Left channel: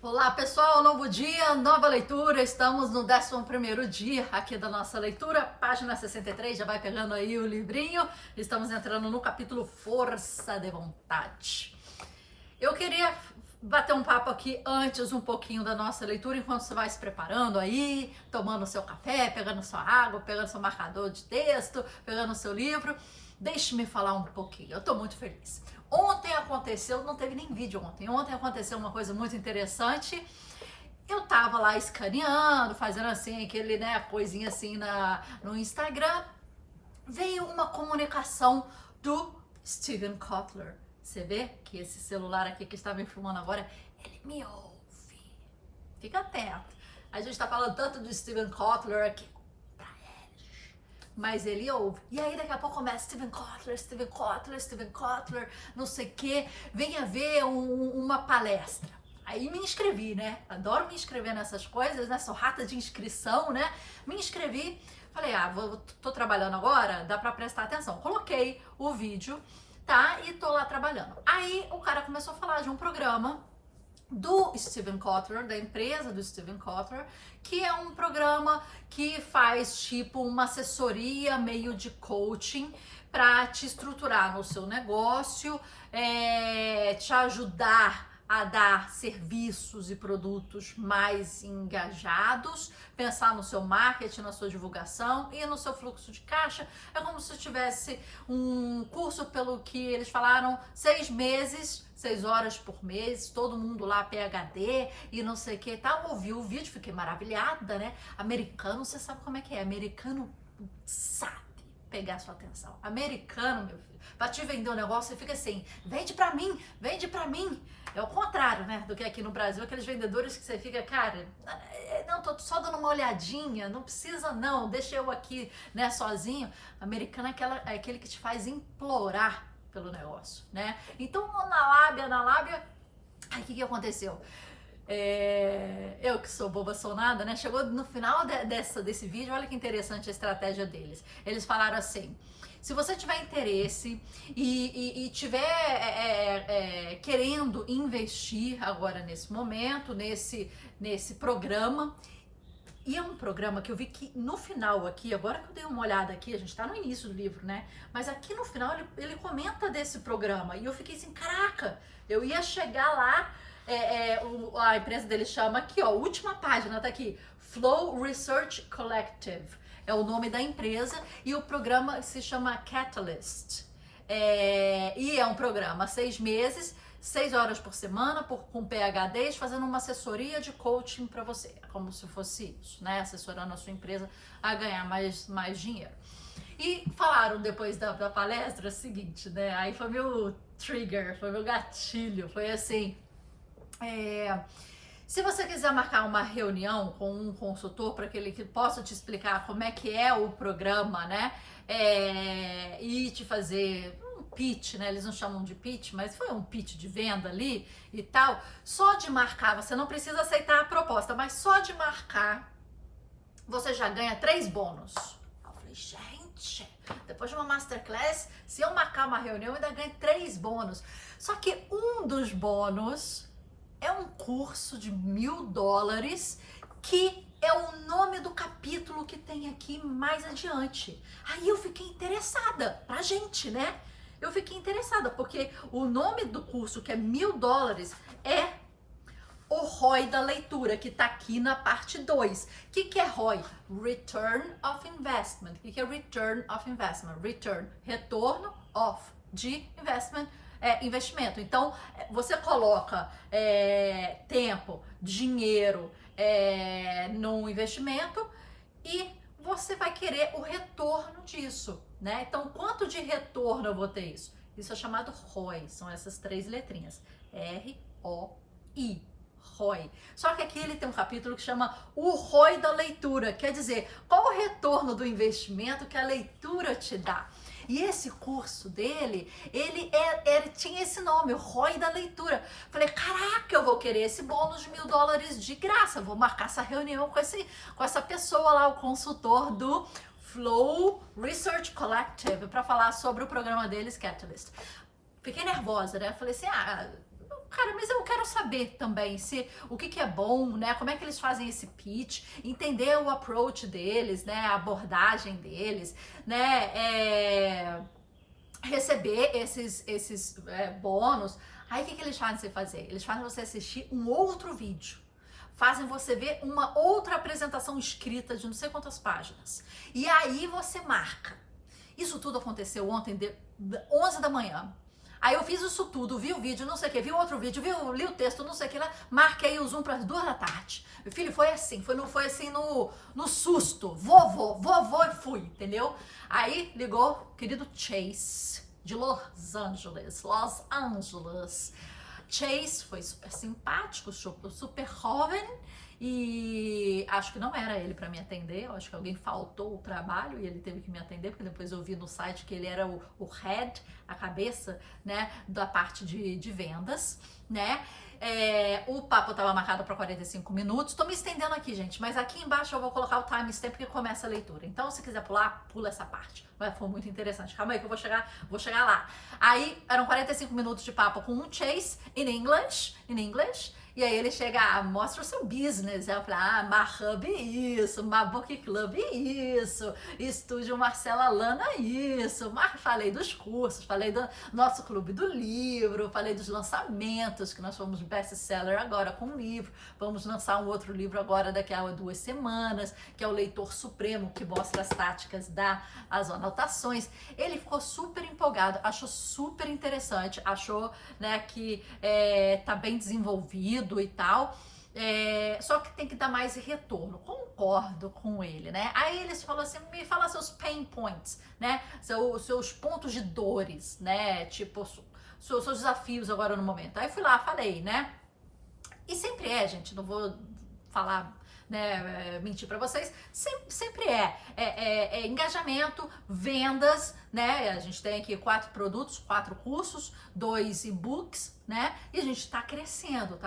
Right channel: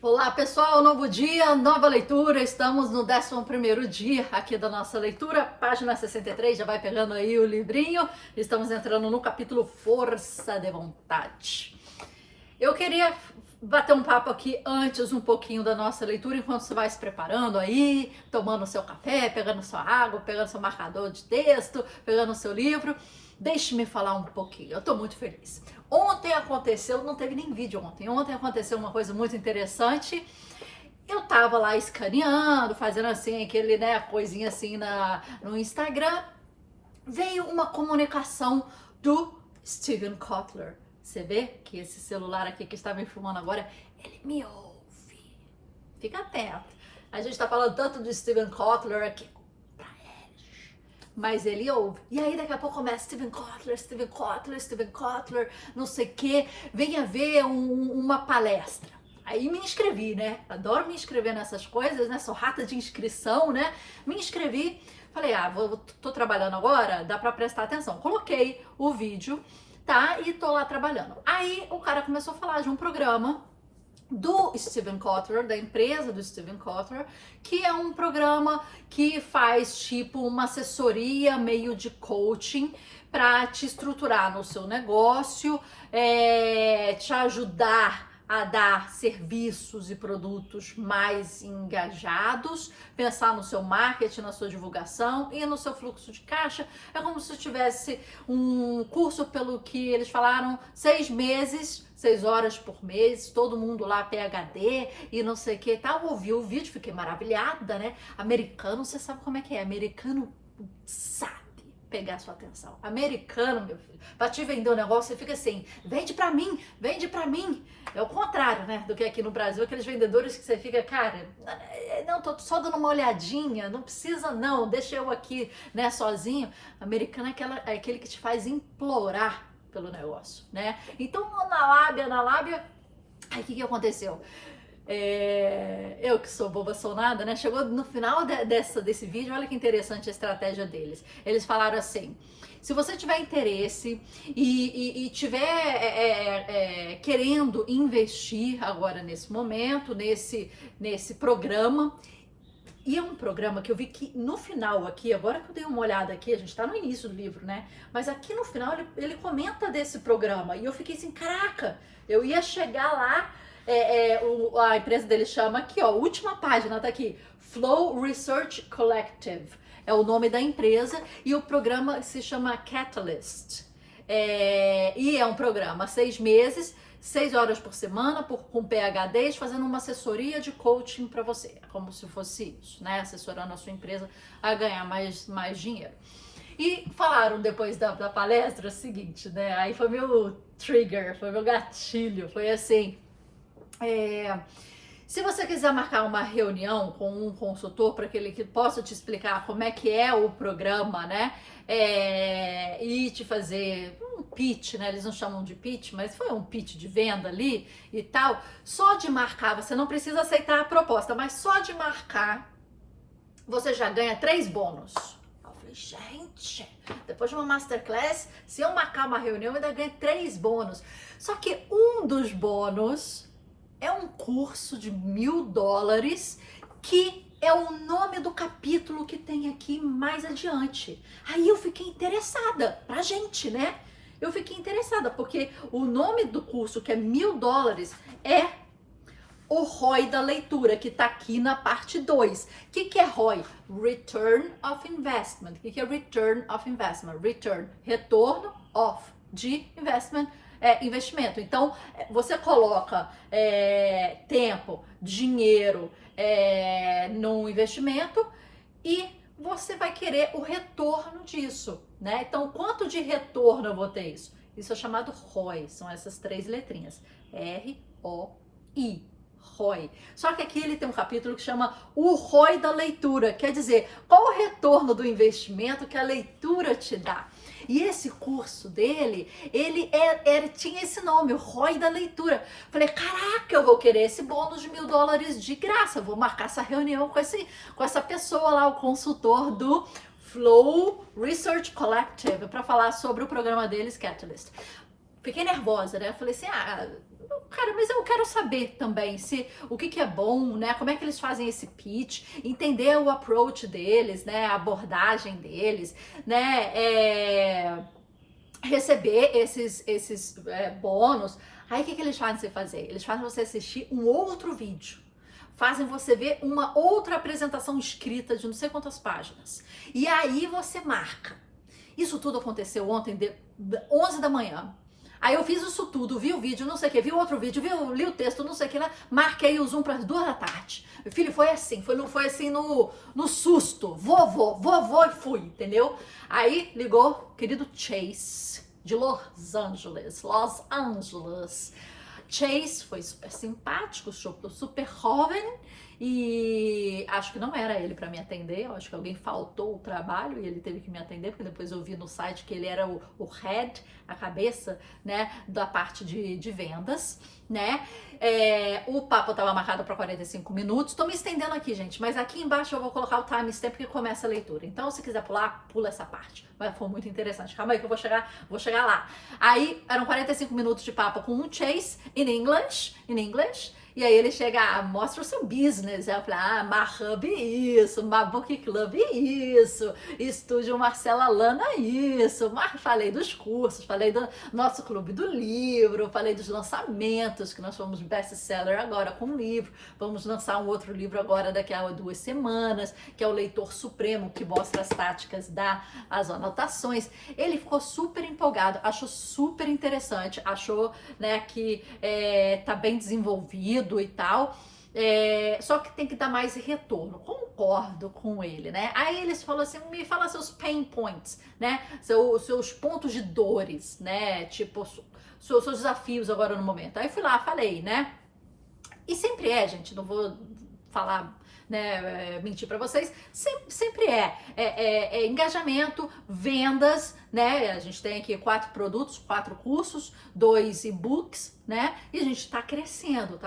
Olá pessoal, novo dia, nova leitura, estamos no 11º dia aqui da nossa leitura, página 63, já vai pegando aí o livrinho, estamos entrando no capítulo Força de Vontade. Eu queria bater um papo aqui antes um pouquinho da nossa leitura, enquanto você vai se preparando aí, tomando seu café, pegando sua água, pegando seu marcador de texto, pegando seu livro. Deixe-me falar um pouquinho, eu tô muito feliz. Ontem aconteceu, não teve nem vídeo ontem aconteceu uma coisa muito interessante. Eu tava lá escaneando, fazendo assim, aquele, né, coisinha assim no Instagram. Veio uma comunicação do Steven Kotler. Você vê que esse celular aqui que está me filmando agora, ele me ouve. Fica atento. A gente tá falando tanto do Steven Kotler aqui, mas ele ouve. E aí daqui a pouco começa Steven Kotler, não sei o que, venha ver uma palestra. Aí me inscrevi, né? Adoro me inscrever nessas coisas, né? Sou rata de inscrição, né? Me inscrevi, falei, tô trabalhando agora, dá pra prestar atenção. Coloquei o vídeo, tá? E tô lá trabalhando. Aí o cara começou a falar de um programa do Steven Kotler, da empresa do Steven Kotler, que é um programa que faz tipo uma assessoria meio de coaching para te estruturar no seu negócio, te ajudar a dar serviços e produtos mais engajados, pensar no seu marketing, na sua divulgação e no seu fluxo de caixa. É como se tivesse um curso, pelo que eles falaram, 6 meses, 6 horas por mês, todo mundo lá PhD e não sei o que e tal. Ouvi o vídeo, fiquei maravilhada, né? Americano, você sabe como é que é? Americano sabe pegar sua atenção. Americano, meu filho, pra te vender um negócio, você fica assim, vende pra mim, vende pra mim. É o contrário, né, do que aqui no Brasil, aqueles vendedores que você fica, cara, não, tô só dando uma olhadinha, não precisa não, deixa eu aqui, né, sozinho. Americano é aquele que te faz implorar pelo negócio, né? Então, na lábia, aí o que aconteceu? Eu que sou boba sou nada, né? Chegou no final desse vídeo, olha que interessante a estratégia deles. Eles falaram assim: se você tiver interesse e tiver querendo investir agora nesse momento, nesse programa. E é um programa que eu vi que no final aqui, agora que eu dei uma olhada aqui, a gente tá no início do livro, né? Mas aqui no final ele comenta desse programa. E eu fiquei assim, caraca, eu ia chegar lá, a empresa dele chama aqui, ó, última página tá aqui, Flow Research Collective. É o nome da empresa e o programa se chama Catalyst. E é um programa 6 meses, 6 horas por semana, com PhDs, fazendo uma assessoria de coaching para você. É como se fosse isso, né? Assessorando a sua empresa a ganhar mais dinheiro. E falaram depois da palestra o seguinte, né? Aí foi meu trigger, foi meu gatilho, foi assim. Se você quiser marcar uma reunião com um consultor para que ele possa te explicar como é que é o programa, né? E te fazer um pitch, né? Eles não chamam de pitch, mas foi um pitch de venda ali e tal. Só de marcar, você não precisa aceitar a proposta, mas só de marcar, você já ganha 3 bônus. Eu falei, gente, depois de uma masterclass, se eu marcar uma reunião, eu ainda ganho 3 bônus. Só que um dos bônus é um curso de $1.000 que é o nome do capítulo que tem aqui mais adiante. Aí eu fiquei interessada pra gente, né? Eu fiquei interessada porque o nome do curso, que é $1.000, é o ROI da leitura, que tá aqui na parte 2. O que é ROI? Return of Investment. O que é Return of Investment? Return, retorno of, de investment, investimento. Então, você coloca tempo, dinheiro no investimento e você vai querer o retorno disso, né? Então, quanto de retorno eu vou ter isso? Isso é chamado ROI, são essas 3 letrinhas. R-O-I. ROI. Só que aqui ele tem um capítulo que chama o ROI da leitura, quer dizer, qual o retorno do investimento que a leitura te dá? E esse curso dele, ele tinha esse nome, o ROI da leitura. Falei, caraca, eu vou querer esse bônus de $1.000 de graça. Vou marcar essa reunião com essa pessoa lá, o consultor do Flow Research Collective, para falar sobre o programa deles, Catalyst. Fiquei nervosa, né? Falei assim, Cara, mas eu quero saber também o que é bom, né? Como é que eles fazem esse pitch, entender o approach deles, né? A abordagem deles, né? Receber esses bônus. Aí o que eles fazem você fazer? Eles fazem você assistir um outro vídeo. Fazem você ver uma outra apresentação escrita de não sei quantas páginas. E aí você marca. Isso tudo aconteceu ontem, 11 da manhã. Aí eu fiz isso tudo, vi o vídeo, não sei o que, vi outro vídeo, li o texto, não sei o que lá, marquei o Zoom para as 2 da tarde. Meu filho, foi assim, foi assim no susto, vou e fui, entendeu? Aí ligou o querido Chase, de Los Angeles. Chase foi super simpático, super jovem, e acho que não era ele para me atender, eu acho que alguém faltou o trabalho e ele teve que me atender, porque depois eu vi no site que ele era o head, a cabeça, né, da parte de vendas, né? O papo estava marcado para 45 minutos. Tô me estendendo aqui, gente, mas aqui embaixo eu vou colocar o timestamp que começa a leitura. Então, se quiser pular, pula essa parte. Mas foi muito interessante. Calma aí que eu vou chegar lá. Aí, eram 45 minutos de papo com o Chase, in English. E aí ele chega, mostra o seu business. Eu falei, Mahub isso, Mabook Club isso, Estúdio Marcela Lana isso. Falei dos cursos, falei do nosso clube do livro, falei dos lançamentos, que nós fomos best-seller agora com um livro. Vamos lançar um outro livro agora daqui a 2 semanas, que é o Leitor Supremo, que mostra as táticas as anotações. Ele ficou super empolgado, achou super interessante, achou, né, que tá bem desenvolvido e tal, só que tem que dar mais retorno. Concordo com ele, né? Aí eles falam assim, me fala seus pain points, né? Seus pontos de dores, né? Tipo, seus desafios agora no momento. Aí fui lá, falei, né? E sempre gente, não vou falar, né, mentir para vocês, sempre é engajamento, vendas, né? A gente tem aqui 4 produtos, 4 cursos, 2 e-books, né? E a gente tá crescendo.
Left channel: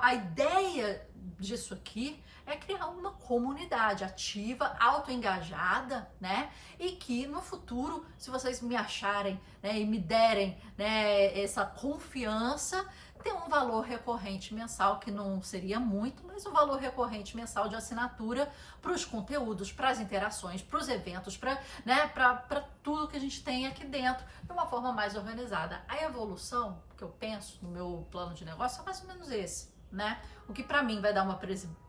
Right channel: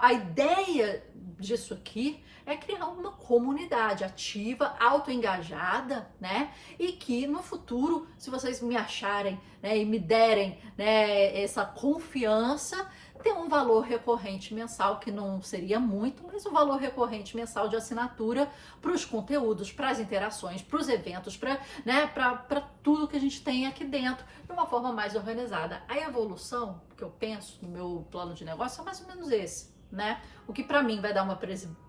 A ideia disso aqui é criar uma comunidade ativa, autoengajada, né? E que no futuro, se vocês me acharem, né, e me derem, né, essa confiança, tem um valor recorrente mensal, que não seria muito, mas um valor recorrente mensal de assinatura para os conteúdos, para as interações, para os eventos, para, né, para tudo que a gente tem aqui dentro, de uma forma mais organizada. A evolução que eu penso no meu plano de negócio é mais ou menos esse, né? O que para mim vai dar uma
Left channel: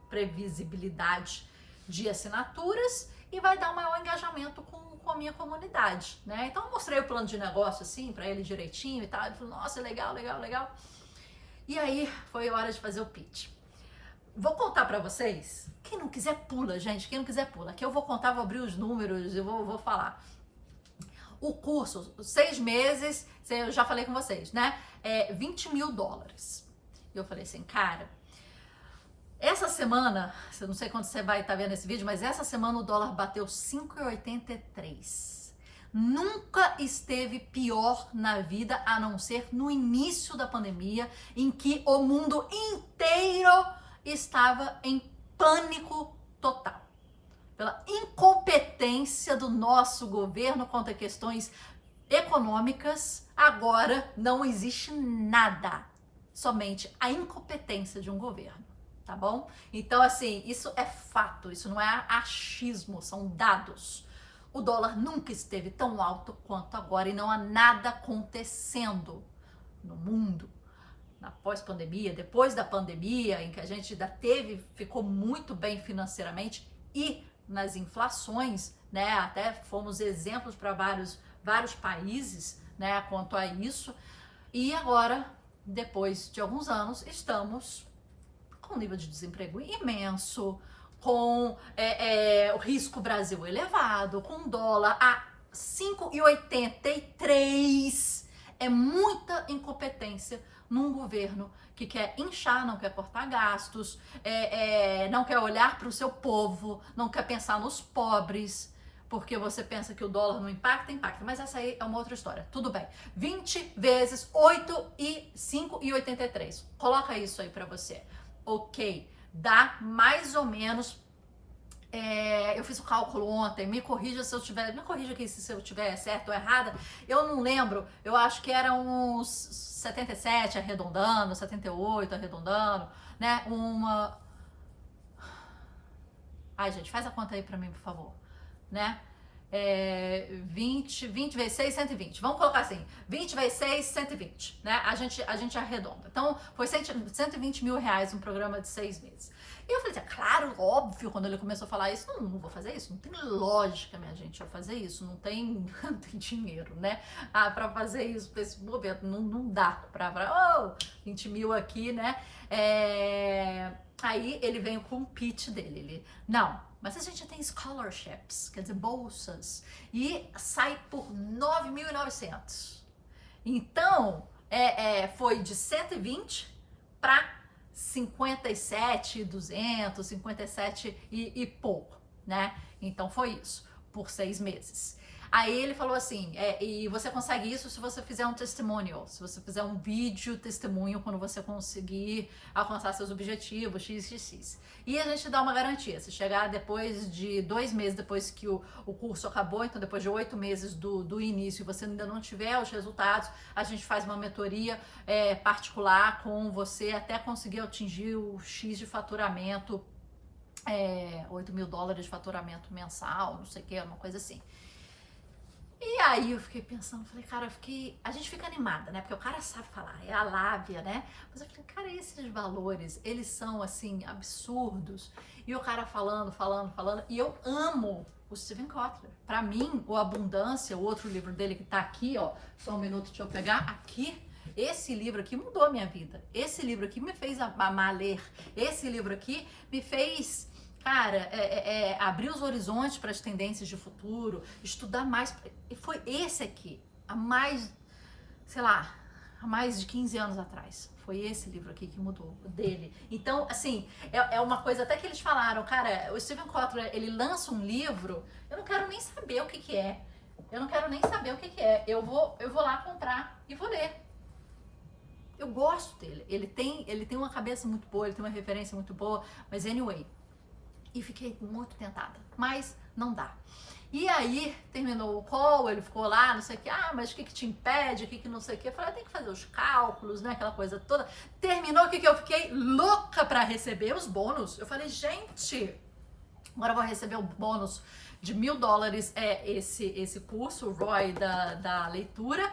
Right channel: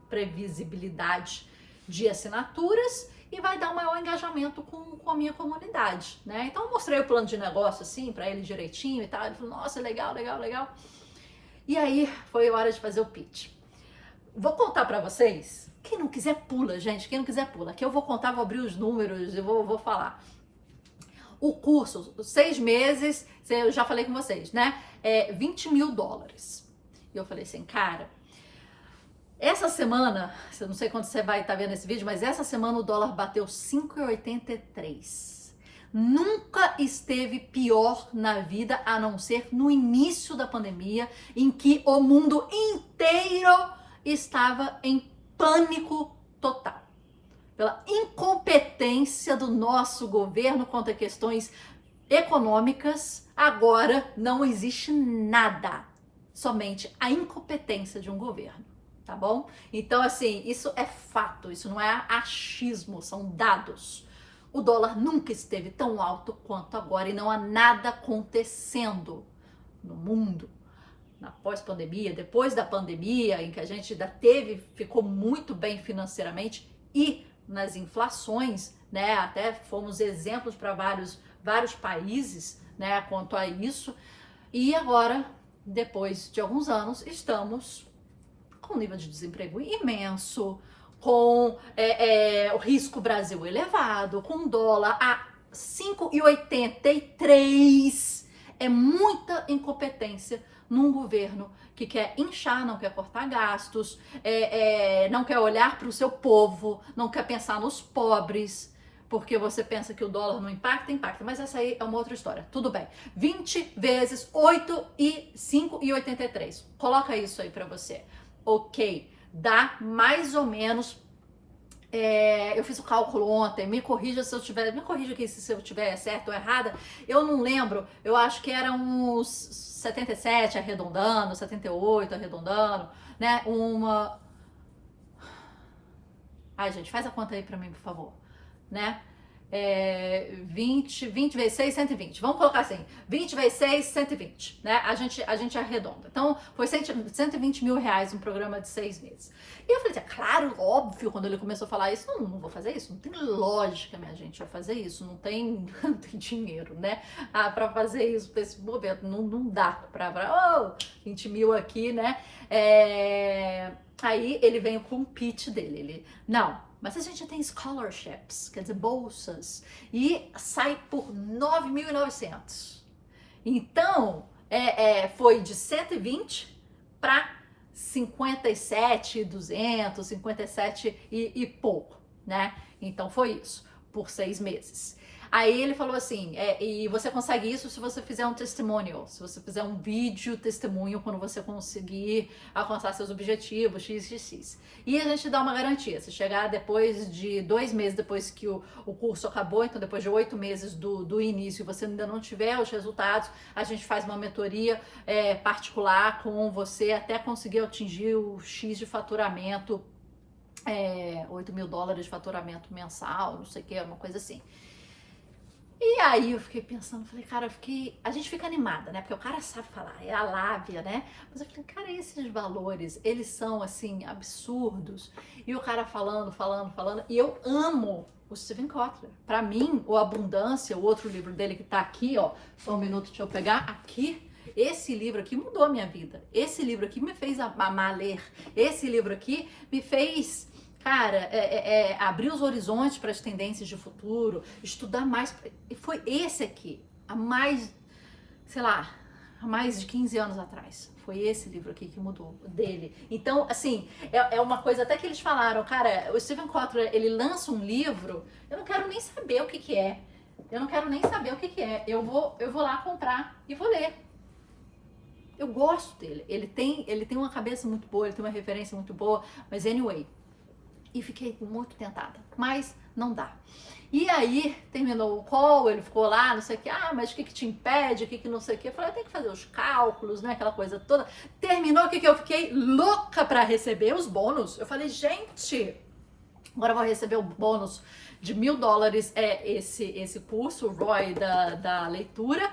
previsibilidade de assinaturas e vai dar um maior engajamento com a minha comunidade, né? Então eu mostrei o plano de negócio assim para ele direitinho e tal. Ele falou, nossa, legal. E aí foi hora de fazer o pitch. Vou contar pra vocês. Quem não quiser pula, gente. Quem não quiser pula. Aqui eu vou contar, vou abrir os números e vou falar. O curso, 6 meses, eu já falei com vocês, né? $20 mil. E eu falei assim, cara, essa semana, eu não sei quando você vai estar vendo esse vídeo, mas essa semana o dólar bateu 5,83. Nunca esteve pior na vida, a não ser no início da pandemia, em que o mundo inteiro estava em pânico total. Pela incompetência do nosso governo quanto a questões econômicas, agora não existe nada, somente a incompetência de um governo, tá bom? Então, assim, isso é fato, isso não é achismo, são dados. O dólar nunca esteve tão alto quanto agora e não há nada acontecendo no mundo na pós-pandemia, depois da pandemia, em que a gente ainda ficou muito bem financeiramente e nas inflações, né? Até fomos exemplos para vários países, né, quanto a isso. E agora, depois de alguns anos, estamos com um nível de desemprego imenso, com o risco Brasil elevado, com dólar a 5,83. É muita incompetência num governo que quer inchar, não quer cortar gastos, não quer olhar para o seu povo, não quer pensar nos pobres, porque você pensa que o dólar não impacta, mas essa aí é uma outra história. Tudo bem. 20 vezes 8 e 5,83. Coloca isso aí para você. Ok. Dá mais ou menos eu fiz o cálculo ontem, me corrija aqui se eu tiver certo ou errada, eu não lembro, eu acho que era uns 77 arredondando, 78 arredondando, né, ai gente, faz a conta aí pra mim, por favor, né, 20 vezes 6, 120. Vamos colocar assim, 20 vezes 6, 120, né? A gente arredonda. Então, foi 120 mil reais um programa de 6 meses. E eu falei, claro, óbvio, quando ele começou a falar isso, não vou fazer isso, não tem lógica, minha gente, eu fazer isso, não tem dinheiro, né? Pra fazer isso, desse momento, não dá pra 20 mil aqui, né? Aí ele veio com o pitch dele, mas a gente tem scholarships, quer dizer, bolsas, e sai por 9.900. Então, foi de 120 para 57.200, 57 e pouco, né? Então foi isso, por 6 meses. Aí ele falou assim, e você consegue isso se você fizer um testimonial, se você fizer um vídeo testemunho quando você conseguir alcançar seus objetivos, xxx. E a gente dá uma garantia, se chegar depois de 2 meses depois que o curso acabou, então depois de 8 meses do início e você ainda não tiver os resultados, a gente faz uma mentoria particular com você até conseguir atingir o X de faturamento, $8 mil de faturamento mensal, não sei o que, uma coisa assim. E aí eu fiquei pensando, falei, cara, a gente fica animada, né? Porque o cara sabe falar, é a lábia, né? Mas eu falei, cara, esses valores, eles são, assim, absurdos. E o cara falando, e eu amo o Steven Kotler. Pra mim, o Abundância, o outro livro dele que tá aqui, ó, só um minuto, deixa eu pegar, aqui, esse livro aqui mudou a minha vida. Esse livro aqui me fez amar ler. Esse livro aqui me fez... Cara, abrir os horizontes para as tendências de futuro, estudar mais. Foi esse aqui, há mais de 15 anos atrás. Foi esse livro aqui que mudou, dele. Então, assim, é uma coisa até que eles falaram, cara, o Steven Kotler, ele lança um livro, eu não quero nem saber o que é. Eu vou lá comprar e vou ler. Eu gosto dele. Ele tem uma cabeça muito boa, ele tem uma referência muito boa, mas anyway... E fiquei muito tentada, mas não dá. E aí, terminou o call, ele ficou lá, não sei o que, mas o que te impede, o que não sei o que. Eu falei, tem que fazer os cálculos, né, aquela coisa toda. Terminou, o que eu fiquei louca pra receber os bônus. Eu falei, gente, agora eu vou receber o bônus de $1.000, esse curso, o ROI da leitura,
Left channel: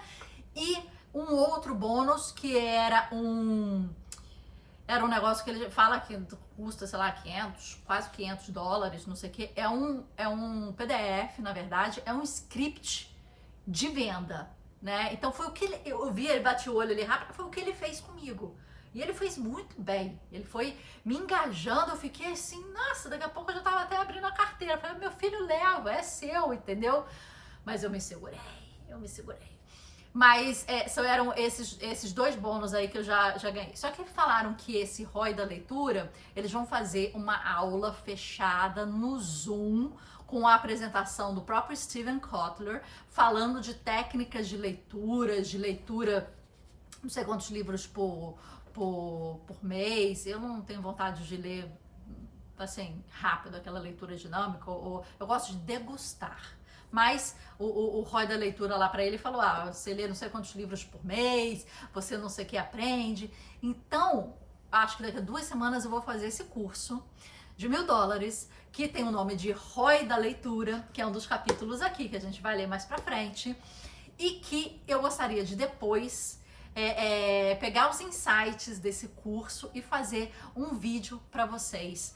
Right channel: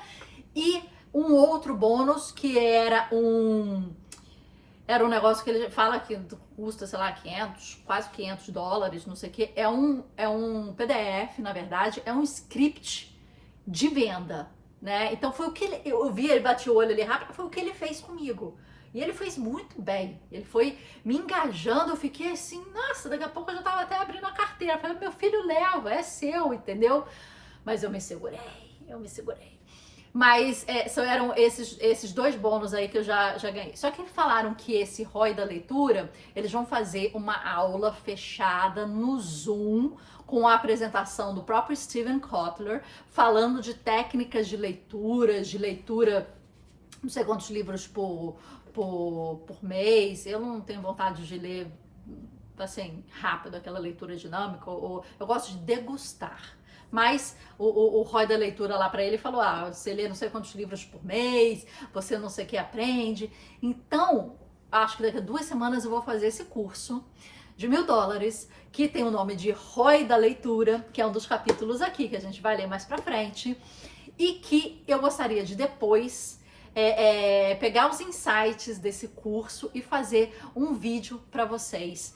e um outro bônus que era um negócio que ele fala que custa, sei lá, 500, quase $500, não sei o que. É um PDF, na verdade, é um script de venda, né? Então foi o que eu vi, ele bate o olho ali rápido, foi o que ele fez comigo. E ele fez muito bem, ele foi me engajando, eu fiquei assim, nossa, daqui a pouco eu já tava até abrindo a carteira. Eu falei, meu filho leva, é seu, entendeu? Mas eu me segurei. Mas eram esses 2 bônus aí que eu já ganhei. Só que falaram que esse ROI da leitura, eles vão fazer uma aula fechada no Zoom com a apresentação do próprio Steven Kotler, falando de técnicas de leitura, não sei quantos livros por mês. Eu não tenho vontade de ler, assim, rápido, aquela leitura dinâmica, eu gosto de degustar. Mas o ROI da leitura lá pra ele falou, você lê não sei quantos livros por mês, você não sei o que aprende. Então, acho que daqui a 2 semanas eu vou fazer esse curso de $1.000, que tem o nome de ROI da leitura, que é um dos capítulos aqui, que a gente vai ler mais pra frente. E que eu gostaria de depois pegar os insights desse curso e fazer um vídeo pra vocês,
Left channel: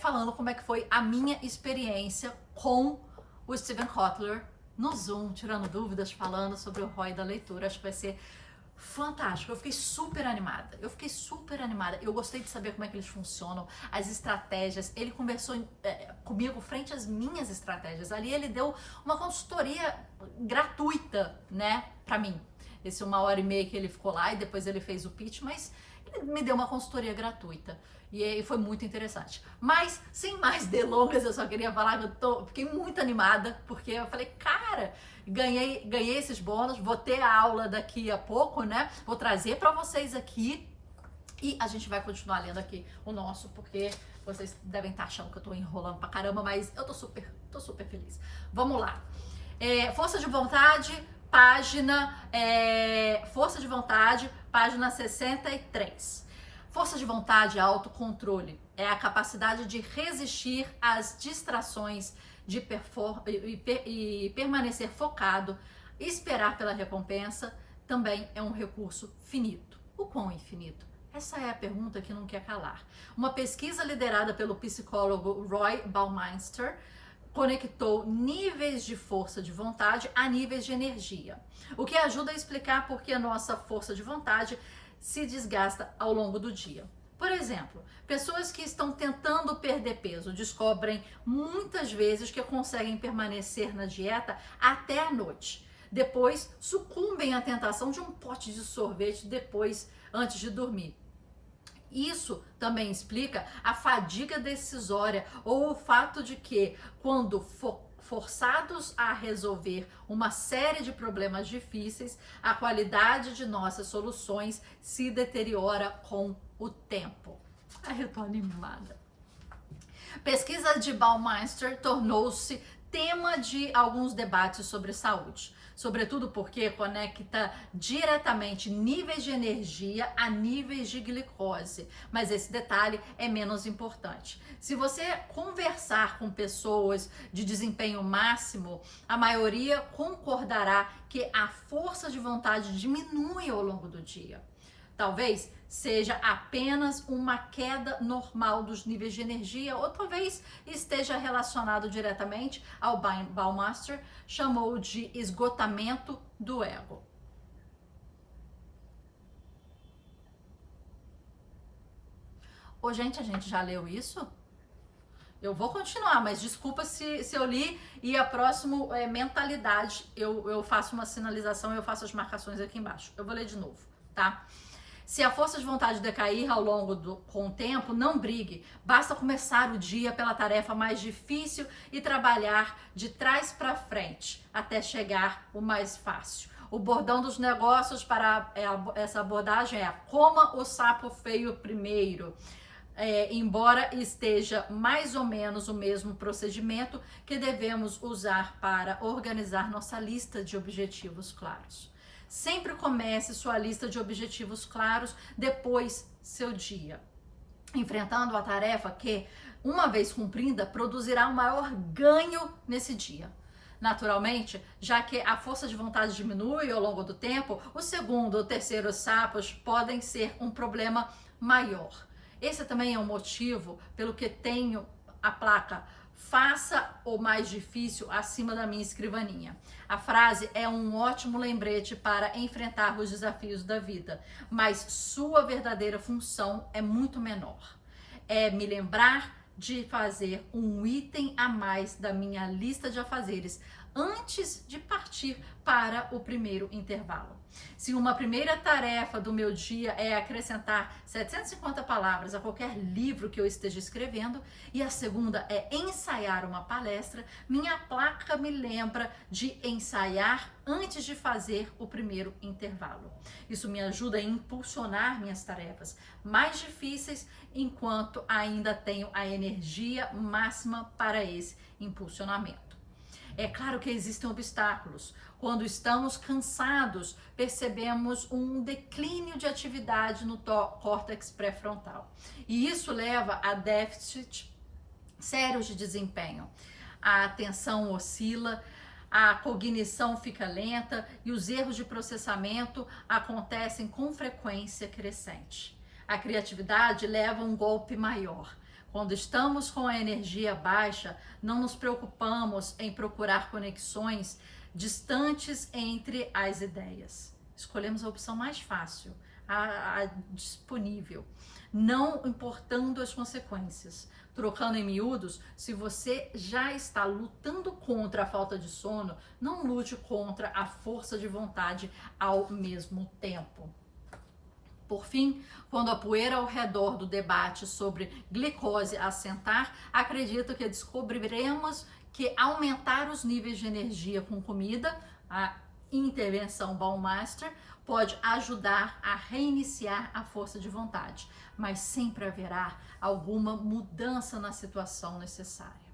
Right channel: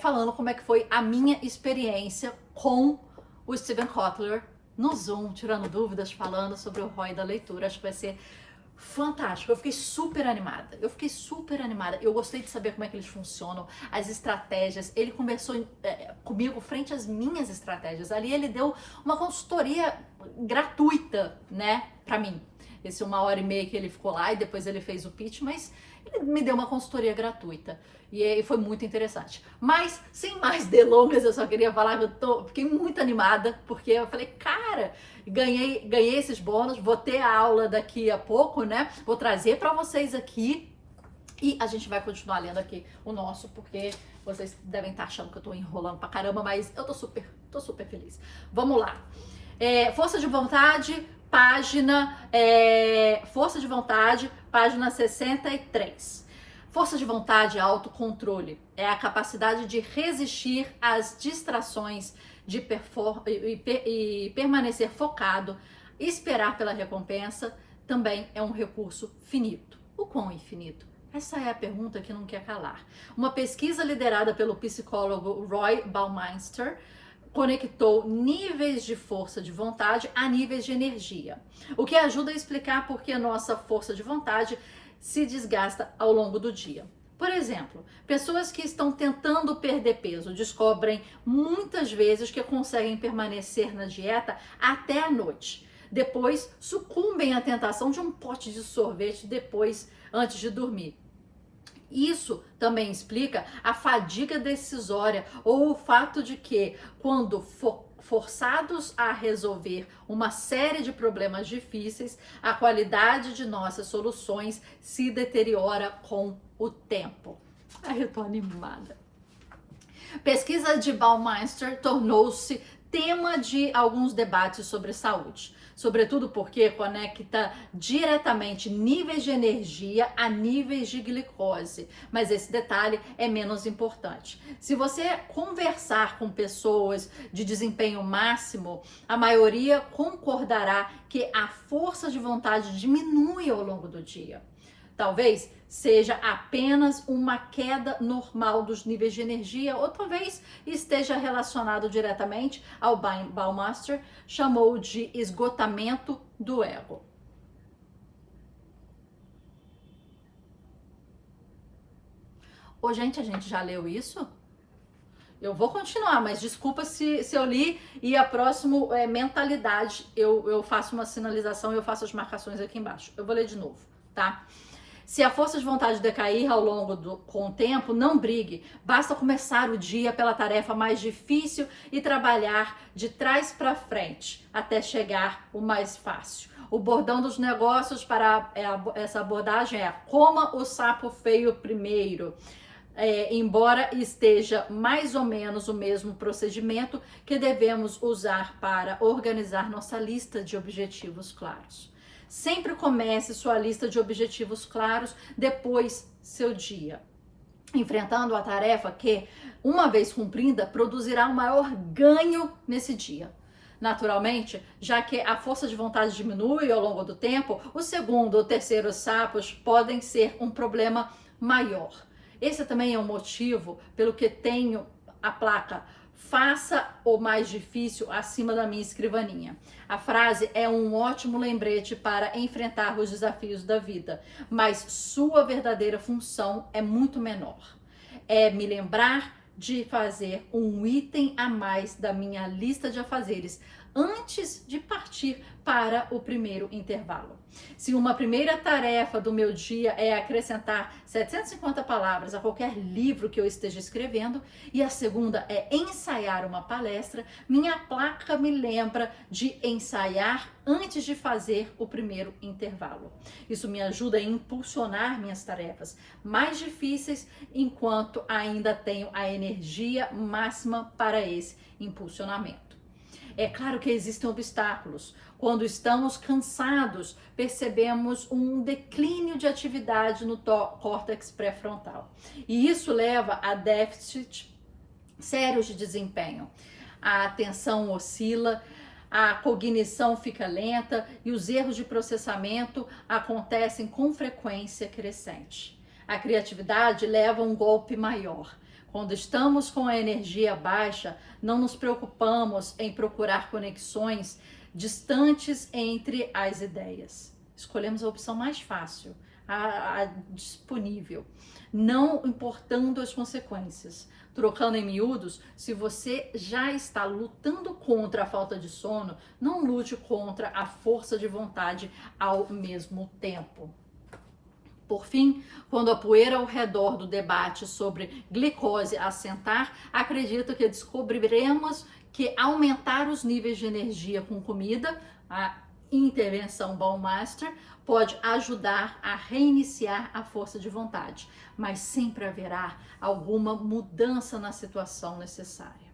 falando como é que foi a minha experiência com o Steven Kotler no Zoom, tirando dúvidas, falando sobre o ROI da leitura. Acho que vai ser fantástico. Eu fiquei super animada. Eu gostei de saber como é que eles funcionam, as estratégias. Ele conversou comigo frente às minhas estratégias. Ali ele deu uma consultoria gratuita, né, pra mim. Esse 1h30 que ele ficou lá e depois ele fez o pitch, mas ele me deu uma consultoria gratuita. E foi muito interessante. Mas, sem mais delongas, eu só queria falar que fiquei muito animada, porque eu falei, cara, ganhei esses bônus, vou ter a aula daqui a pouco, né? Vou trazer pra vocês aqui. E a gente vai continuar lendo aqui o nosso, porque vocês devem estar achando que eu tô enrolando pra caramba, mas eu tô super feliz. Vamos lá. Força de vontade, Força de vontade, página 63. Força de vontade é autocontrole. É a capacidade de resistir às distrações e permanecer focado, esperar pela recompensa, também é um recurso finito. O quão infinito? Essa é a pergunta que não quer calar. Uma pesquisa liderada pelo psicólogo Roy Baumeister conectou níveis de força de vontade a níveis de energia, o que ajuda a explicar por que a nossa força de vontade se desgasta ao longo do dia. Por exemplo, pessoas que estão tentando perder peso descobrem muitas vezes que conseguem permanecer na dieta até a noite. Depois sucumbem à tentação de um pote de sorvete antes de dormir. Isso também explica a fadiga decisória ou o fato de que, quando forçados a resolver uma série de problemas difíceis, a qualidade de nossas soluções se deteriora com o tempo. Ai, eu tô animada. Pesquisa de Baumeister tornou-se tema de alguns debates sobre saúde, sobretudo porque conecta diretamente níveis de energia a níveis de glicose, mas esse detalhe é menos importante. Se você conversar com pessoas de desempenho máximo, a maioria concordará que a força de vontade diminui ao longo do dia. Talvez seja apenas uma queda normal dos níveis de energia, ou talvez esteja relacionado diretamente ao Baumeister chamou de esgotamento do ego. Ô, gente, a gente já leu isso? Eu vou continuar, mas desculpa se eu li e a próxima mentalidade, eu faço uma sinalização e eu faço as marcações aqui embaixo. Eu vou ler de novo, tá? Se a força de vontade decair com o tempo, não brigue. Basta começar o dia pela tarefa mais difícil e trabalhar de trás para frente até chegar o mais fácil. O bordão dos negócios para essa abordagem é: coma o sapo feio primeiro. Embora esteja mais ou menos o mesmo procedimento que devemos usar para organizar nossa lista de objetivos claros. Sempre comece sua lista de objetivos claros, depois seu dia, enfrentando a tarefa que, uma vez cumprida, produzirá o maior ganho nesse dia. Naturalmente, já que a força de vontade diminui ao longo do tempo, o segundo ou terceiro sapos podem ser um problema maior. Esse também é um motivo pelo que tenho a placa "Faça o mais difícil" acima da minha escrivaninha. A frase é um ótimo lembrete para enfrentar os desafios da vida, mas sua verdadeira função é muito menor. É me lembrar de fazer um item a mais da minha lista de afazeres antes de partir para o primeiro intervalo. Se uma primeira tarefa do meu dia é acrescentar 750 palavras a qualquer livro que eu esteja escrevendo, e a segunda é ensaiar uma palestra, minha placa me lembra de ensaiar antes de fazer o primeiro intervalo. Isso me ajuda a impulsionar minhas tarefas mais difíceis enquanto ainda tenho a energia máxima para esse impulsionamento. É claro que existem obstáculos. Quando estamos cansados, percebemos um declínio de atividade no córtex pré-frontal. E isso leva a déficits sérios de desempenho. A atenção oscila, a cognição fica lenta e os erros de processamento acontecem com frequência crescente. A criatividade leva a um golpe maior. Quando estamos com a energia baixa, não nos preocupamos em procurar conexões distantes entre as ideias. Escolhemos a opção mais fácil, a disponível, não importando as consequências. Trocando em miúdos, se você já está lutando contra a falta de sono, não lute contra a força de vontade ao mesmo tempo. Por fim, quando a poeira ao redor do debate sobre glicose assentar, acredito que descobriremos que aumentar os níveis de energia com comida, intervenção Baumeister pode ajudar a reiniciar a força de vontade, mas sempre haverá alguma mudança na situação necessária.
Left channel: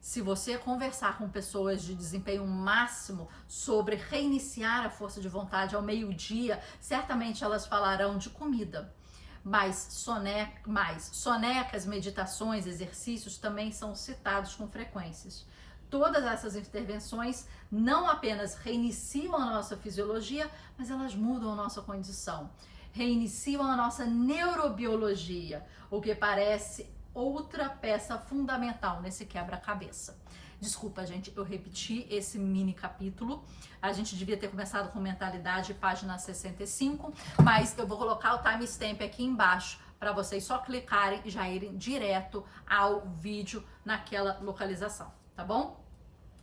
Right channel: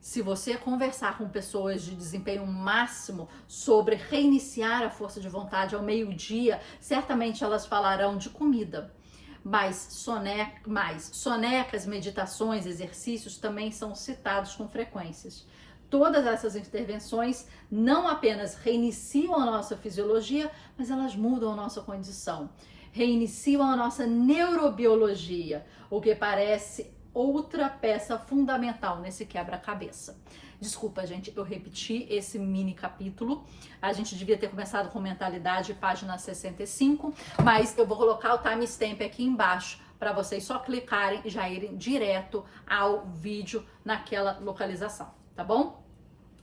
Se você conversar com pessoas de desempenho máximo sobre reiniciar a força de vontade ao meio-dia, certamente elas falarão de comida. Mas sonecas, meditações, exercícios também são citados com frequências. Todas essas intervenções não apenas reiniciam a nossa fisiologia, mas elas mudam a nossa condição, reiniciam a nossa neurobiologia, o que parece outra peça fundamental nesse quebra-cabeça. Desculpa, gente, eu repeti esse mini capítulo. A gente devia ter começado com mentalidade, página 65, mas eu vou colocar o timestamp aqui embaixo para vocês só clicarem e já irem direto ao vídeo naquela localização, tá bom?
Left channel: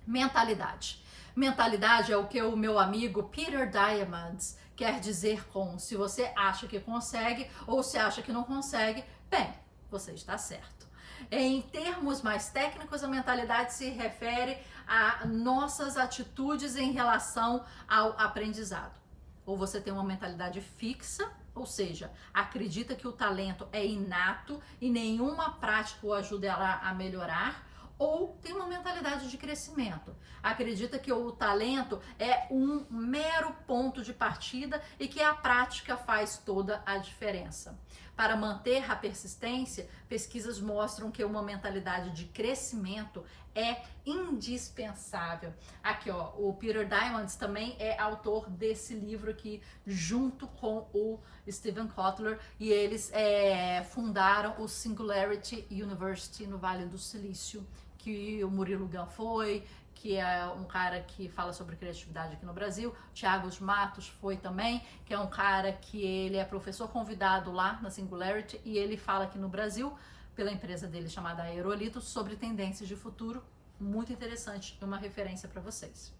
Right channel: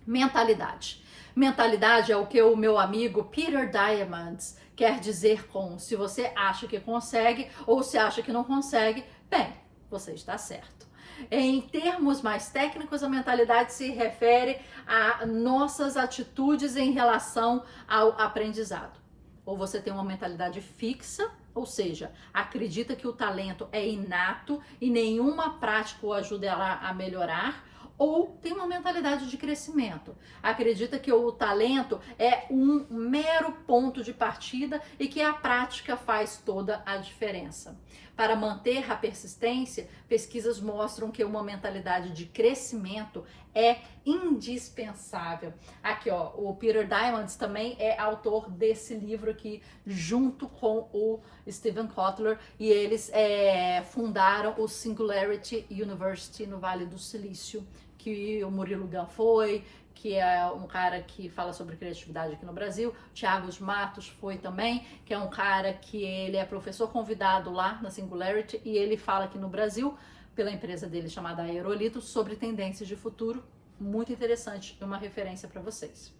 Mentalidade. Mentalidade é o que o meu amigo Peter Diamandis quer dizer com se você acha que consegue ou se acha que não consegue, bem, você está certo. Em termos mais técnicos, a mentalidade se refere a nossas atitudes em relação ao aprendizado. Ou você tem uma mentalidade fixa, ou seja, acredita que o talento é inato e nenhuma prática o ajudará a melhorar, ou tem uma mentalidade de crescimento. Acredita que o talento é um mero ponto de partida e que a prática faz toda a diferença. Para manter a persistência, pesquisas mostram que uma mentalidade de crescimento é indispensável. Aqui, ó, o Peter Diamandis também é autor desse livro aqui, junto com o Steven Kotler, e eles fundaram o Singularity University no Vale do Silício, que o Murilo Gun foi, que é um cara que fala sobre criatividade aqui no Brasil. Thiago Matos foi também, que é um cara que ele é professor convidado lá na Singularity e ele fala aqui no Brasil, pela empresa dele chamada Aerolito, sobre tendências de futuro. Muito interessante e uma referência para vocês.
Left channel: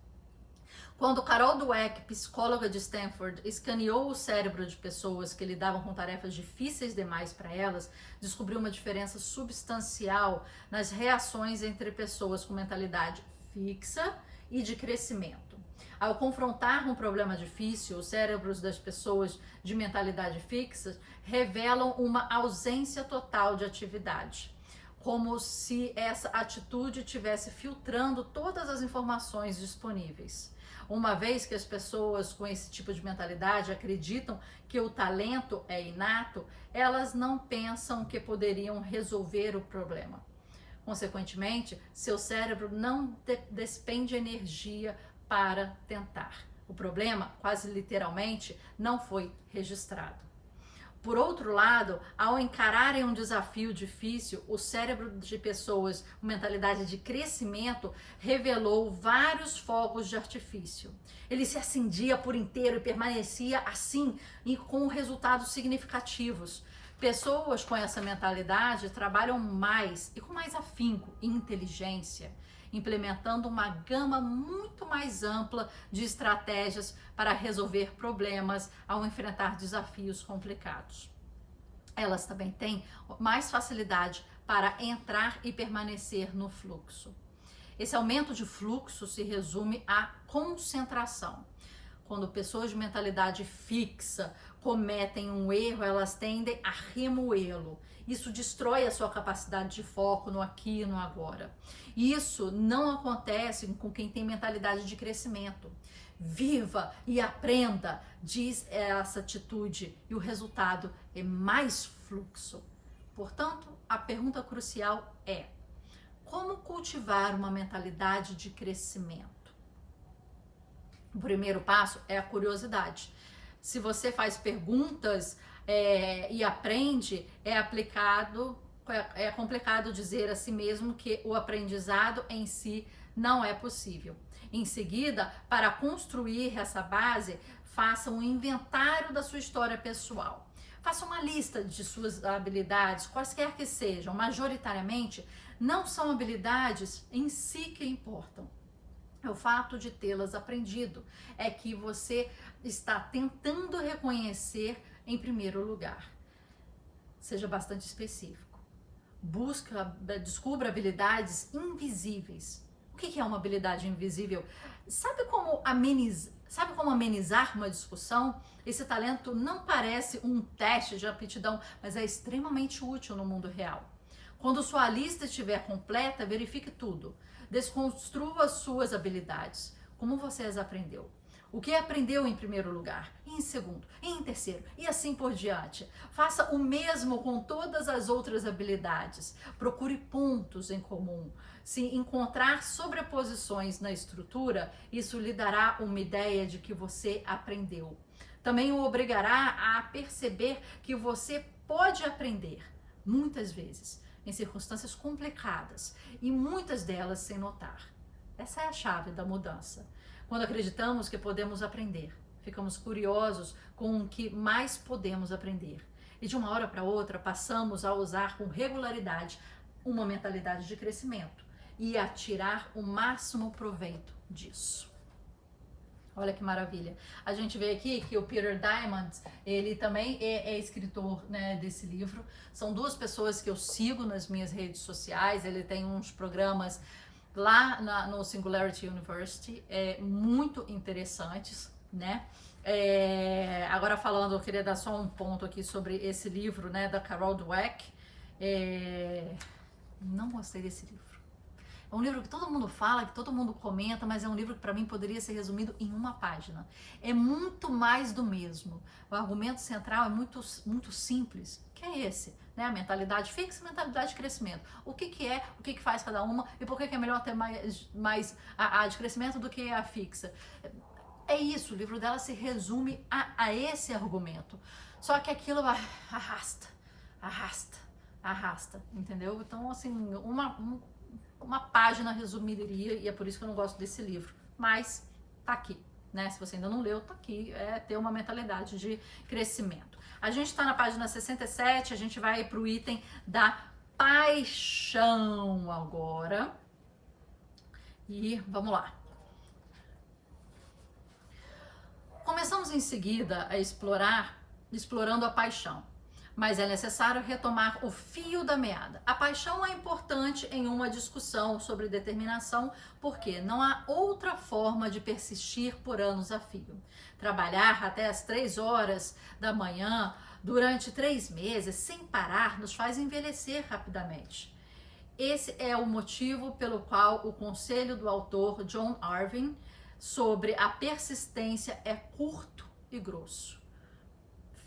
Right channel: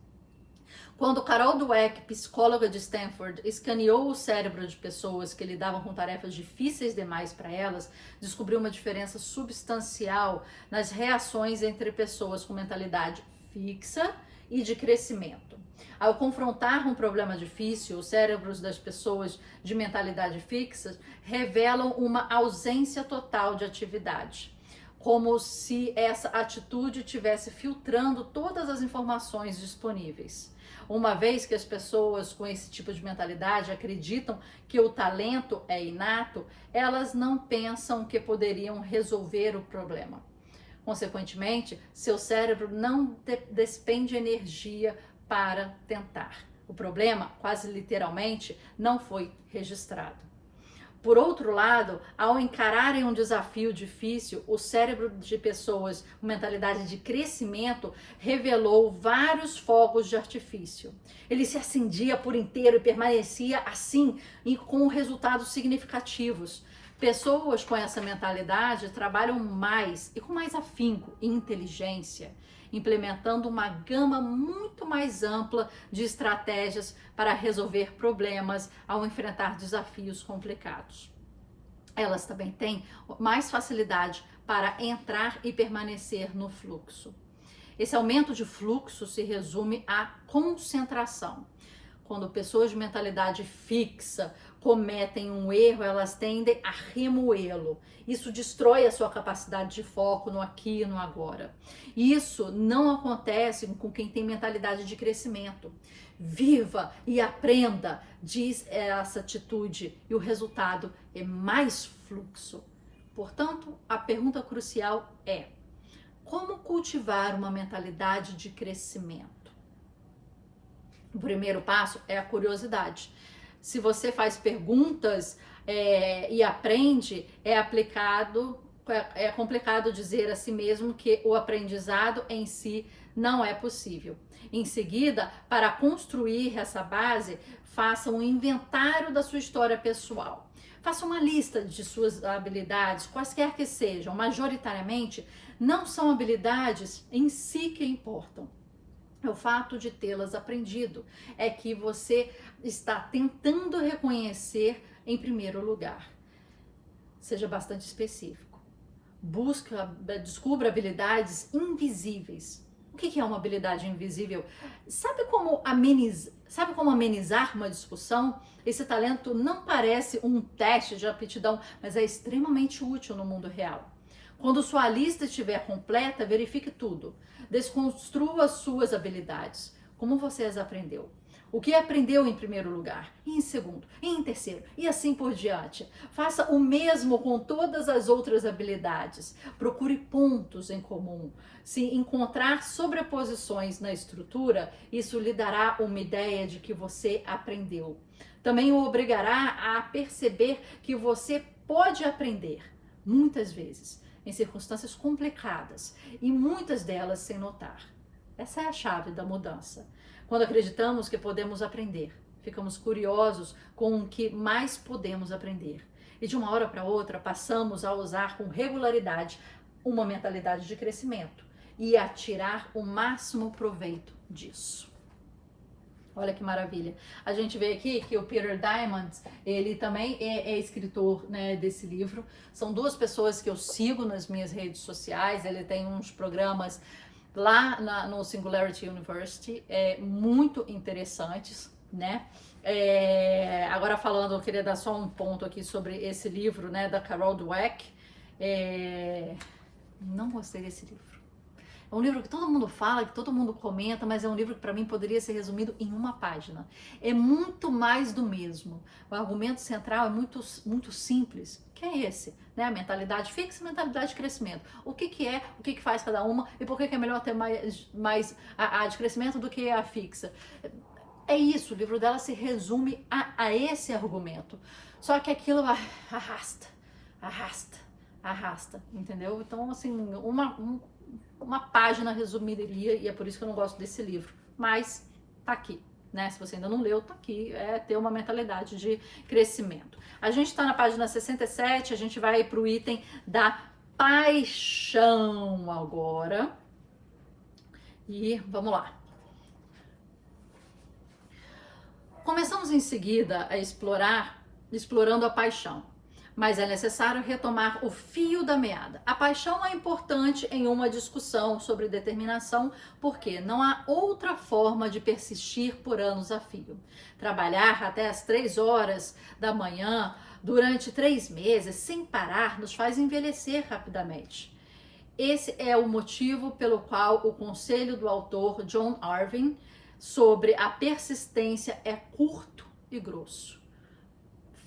Quando Carol Dweck, psicóloga de Stanford, escaneou o cérebro de pessoas que lidavam com tarefas difíceis demais para elas, descobriu uma diferença substancial nas reações entre pessoas com mentalidade fixa e de crescimento. Ao confrontar um problema difícil, os cérebros das pessoas de mentalidade fixa revelam uma ausência total de atividade, como se essa atitude estivesse filtrando todas as informações disponíveis. Uma vez que as pessoas com esse tipo de mentalidade acreditam que o talento é inato, elas não pensam que poderiam resolver o problema. Consequentemente, seu cérebro não despende energia para tentar. O problema, quase literalmente, não foi registrado. Por outro lado, ao encararem um desafio difícil, o cérebro de pessoas com mentalidade de crescimento revelou vários fogos de artifício. Ele se acendia por inteiro e permanecia assim e com resultados significativos. Pessoas com essa mentalidade trabalham mais e com mais afinco e inteligência, implementando uma gama muito mais ampla de estratégias para resolver problemas ao enfrentar desafios complicados. Elas também têm mais facilidade para entrar e permanecer no fluxo. Esse aumento de fluxo se resume à concentração. Quando pessoas de mentalidade fixa cometem um erro, elas tendem a remoê-lo. Isso destrói a sua capacidade de foco no aqui e no agora. Isso não acontece com quem tem mentalidade de crescimento. Viva e aprenda, diz essa atitude, e o resultado é mais fluxo. Portanto, a pergunta crucial é: como cultivar uma mentalidade de crescimento? O primeiro passo é a curiosidade. Se você faz perguntas e aprende, é complicado dizer a si mesmo que o aprendizado em si não é possível. Em seguida, para construir essa base, faça um inventário da sua história pessoal. Faça uma lista de suas habilidades, quaisquer que sejam. Majoritariamente, não são habilidades em si que importam. É o fato de tê-las aprendido, é que você está tentando reconhecer em primeiro lugar. Seja bastante específico. Descubra habilidades invisíveis. O que é uma habilidade invisível? Sabe como amenizar uma discussão? Esse talento não parece um teste de aptidão, mas é extremamente útil no mundo real. Quando sua lista estiver completa, verifique tudo. Desconstrua suas habilidades. Como você as aprendeu? O que aprendeu em primeiro lugar, e em segundo, e em terceiro, e assim por diante. Faça o mesmo com todas as outras habilidades. Procure pontos em comum. Se encontrar sobreposições na estrutura, isso lhe dará uma ideia de que você aprendeu. Também o obrigará a perceber que você pode aprender, muitas vezes, em circunstâncias complicadas, e muitas delas sem notar. Essa é a chave da mudança. Quando acreditamos que podemos aprender, ficamos curiosos com o que mais podemos aprender. E de uma hora para outra passamos a usar com regularidade uma mentalidade de crescimento e a tirar o máximo proveito disso. Olha que maravilha. A gente vê aqui que o Peter Diamandis, ele também é escritor, né, desse livro. São duas pessoas que eu sigo nas minhas redes sociais. Ele tem uns programas lá no Singularity University, muito interessantes, né? Agora falando, eu queria dar só um ponto aqui sobre esse livro, né, da Carol Dweck. Não gostei desse livro. É um livro que todo mundo fala, que todo mundo comenta, mas é um livro que para mim poderia ser resumido em uma página. É muito mais do mesmo. O argumento central é muito simples, que é esse, né? A mentalidade fixa e a mentalidade de crescimento. O que é, o que faz cada uma e por que é melhor ter mais a de crescimento do que a fixa. É isso, o livro dela se resume a esse argumento. Só que aquilo arrasta, entendeu? Então, assim, uma página resumiria, e é por isso que eu não gosto desse livro, mas tá aqui, né? Se você ainda não leu, tá aqui, ter uma mentalidade de crescimento. A gente tá na página 67, a gente vai pro item da paixão agora, e vamos lá. Começamos em seguida a explorando a paixão. Mas é necessário retomar o fio da meada. A paixão é importante em uma discussão sobre determinação, porque não há outra forma de persistir por anos a fio. Trabalhar até as 3 horas da manhã durante 3 meses sem parar nos faz envelhecer rapidamente. Esse é o motivo pelo qual o conselho do autor John Irving sobre a persistência é curto e grosso.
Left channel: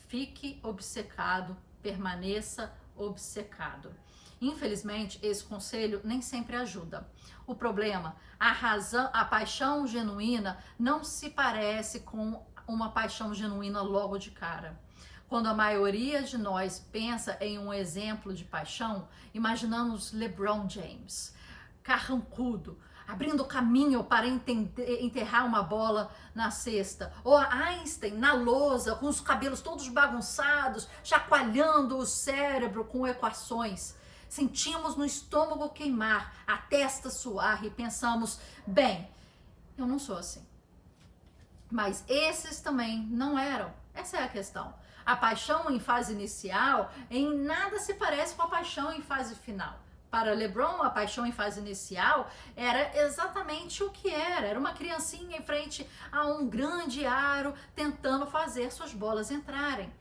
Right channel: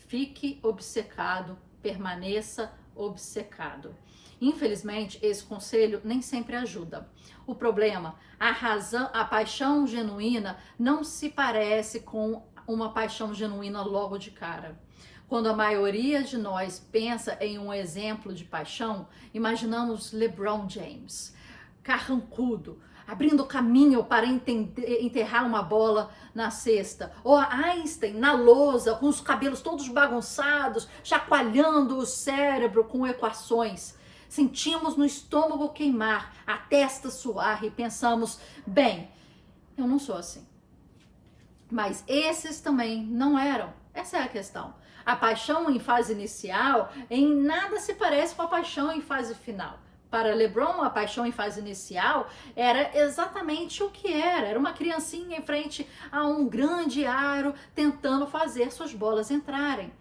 Fique obcecado, permaneça obcecado. Infelizmente, esse conselho nem sempre ajuda. O problema, a paixão genuína não se parece com uma paixão genuína logo de cara. Quando a maioria de nós pensa em um exemplo de paixão, imaginamos LeBron James, carrancudo, abrindo caminho para enterrar uma bola na cesta. Ou a Einstein na lousa, com os cabelos todos bagunçados, chacoalhando o cérebro com equações. Sentimos no estômago queimar, a testa suar e pensamos, bem, eu não sou assim. Mas esses também não eram. Essa é a questão. A paixão em fase inicial em nada se parece com a paixão em fase final. Para LeBron, a paixão em fase inicial era exatamente o que era. Era uma criancinha em frente a um grande aro tentando fazer suas bolas entrarem.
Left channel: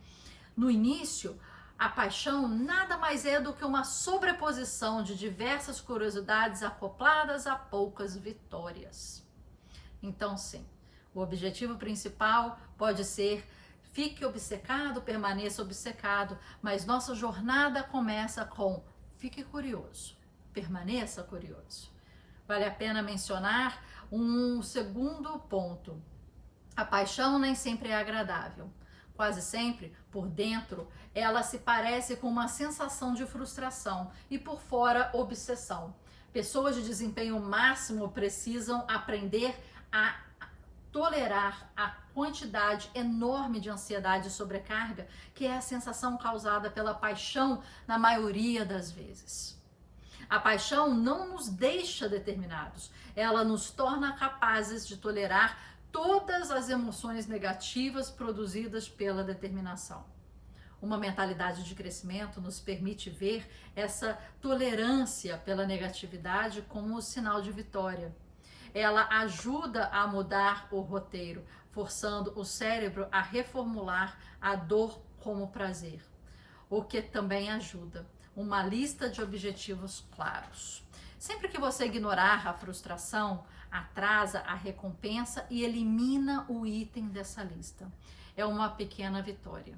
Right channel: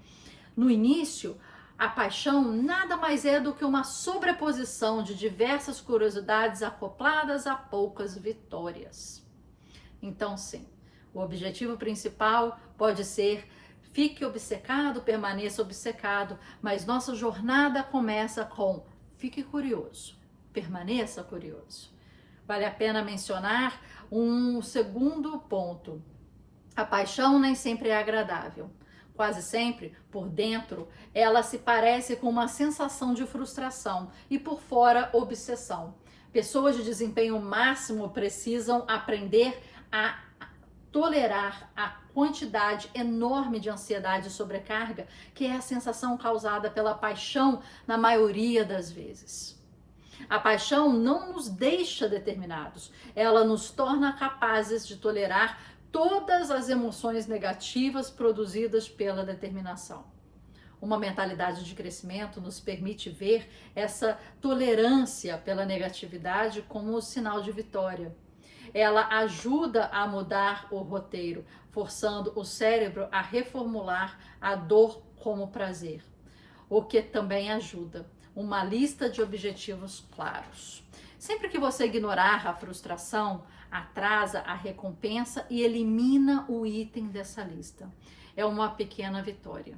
No início, a paixão nada mais é do que uma sobreposição de diversas curiosidades acopladas a poucas vitórias. Então, sim, o objetivo principal pode ser fique obcecado, permaneça obcecado, mas nossa jornada começa com fique curioso, permaneça curioso. Vale a pena mencionar um segundo ponto. A paixão nem sempre é agradável. Quase sempre, por dentro, ela se parece com uma sensação de frustração e por fora, obsessão. Pessoas de desempenho máximo precisam aprender a tolerar a quantidade enorme de ansiedade e sobrecarga, que é a sensação causada pela paixão na maioria das vezes. A paixão não nos deixa determinados, ela nos torna capazes de tolerar todas as emoções negativas produzidas pela determinação. Uma mentalidade de crescimento nos permite ver essa tolerância pela negatividade como sinal de vitória. Ela ajuda a mudar o roteiro, forçando o cérebro a reformular a dor como prazer. O que também ajuda, uma lista de objetivos claros. Sempre que você ignorar a frustração, atrasa a recompensa e elimina o item dessa lista. É uma pequena vitória.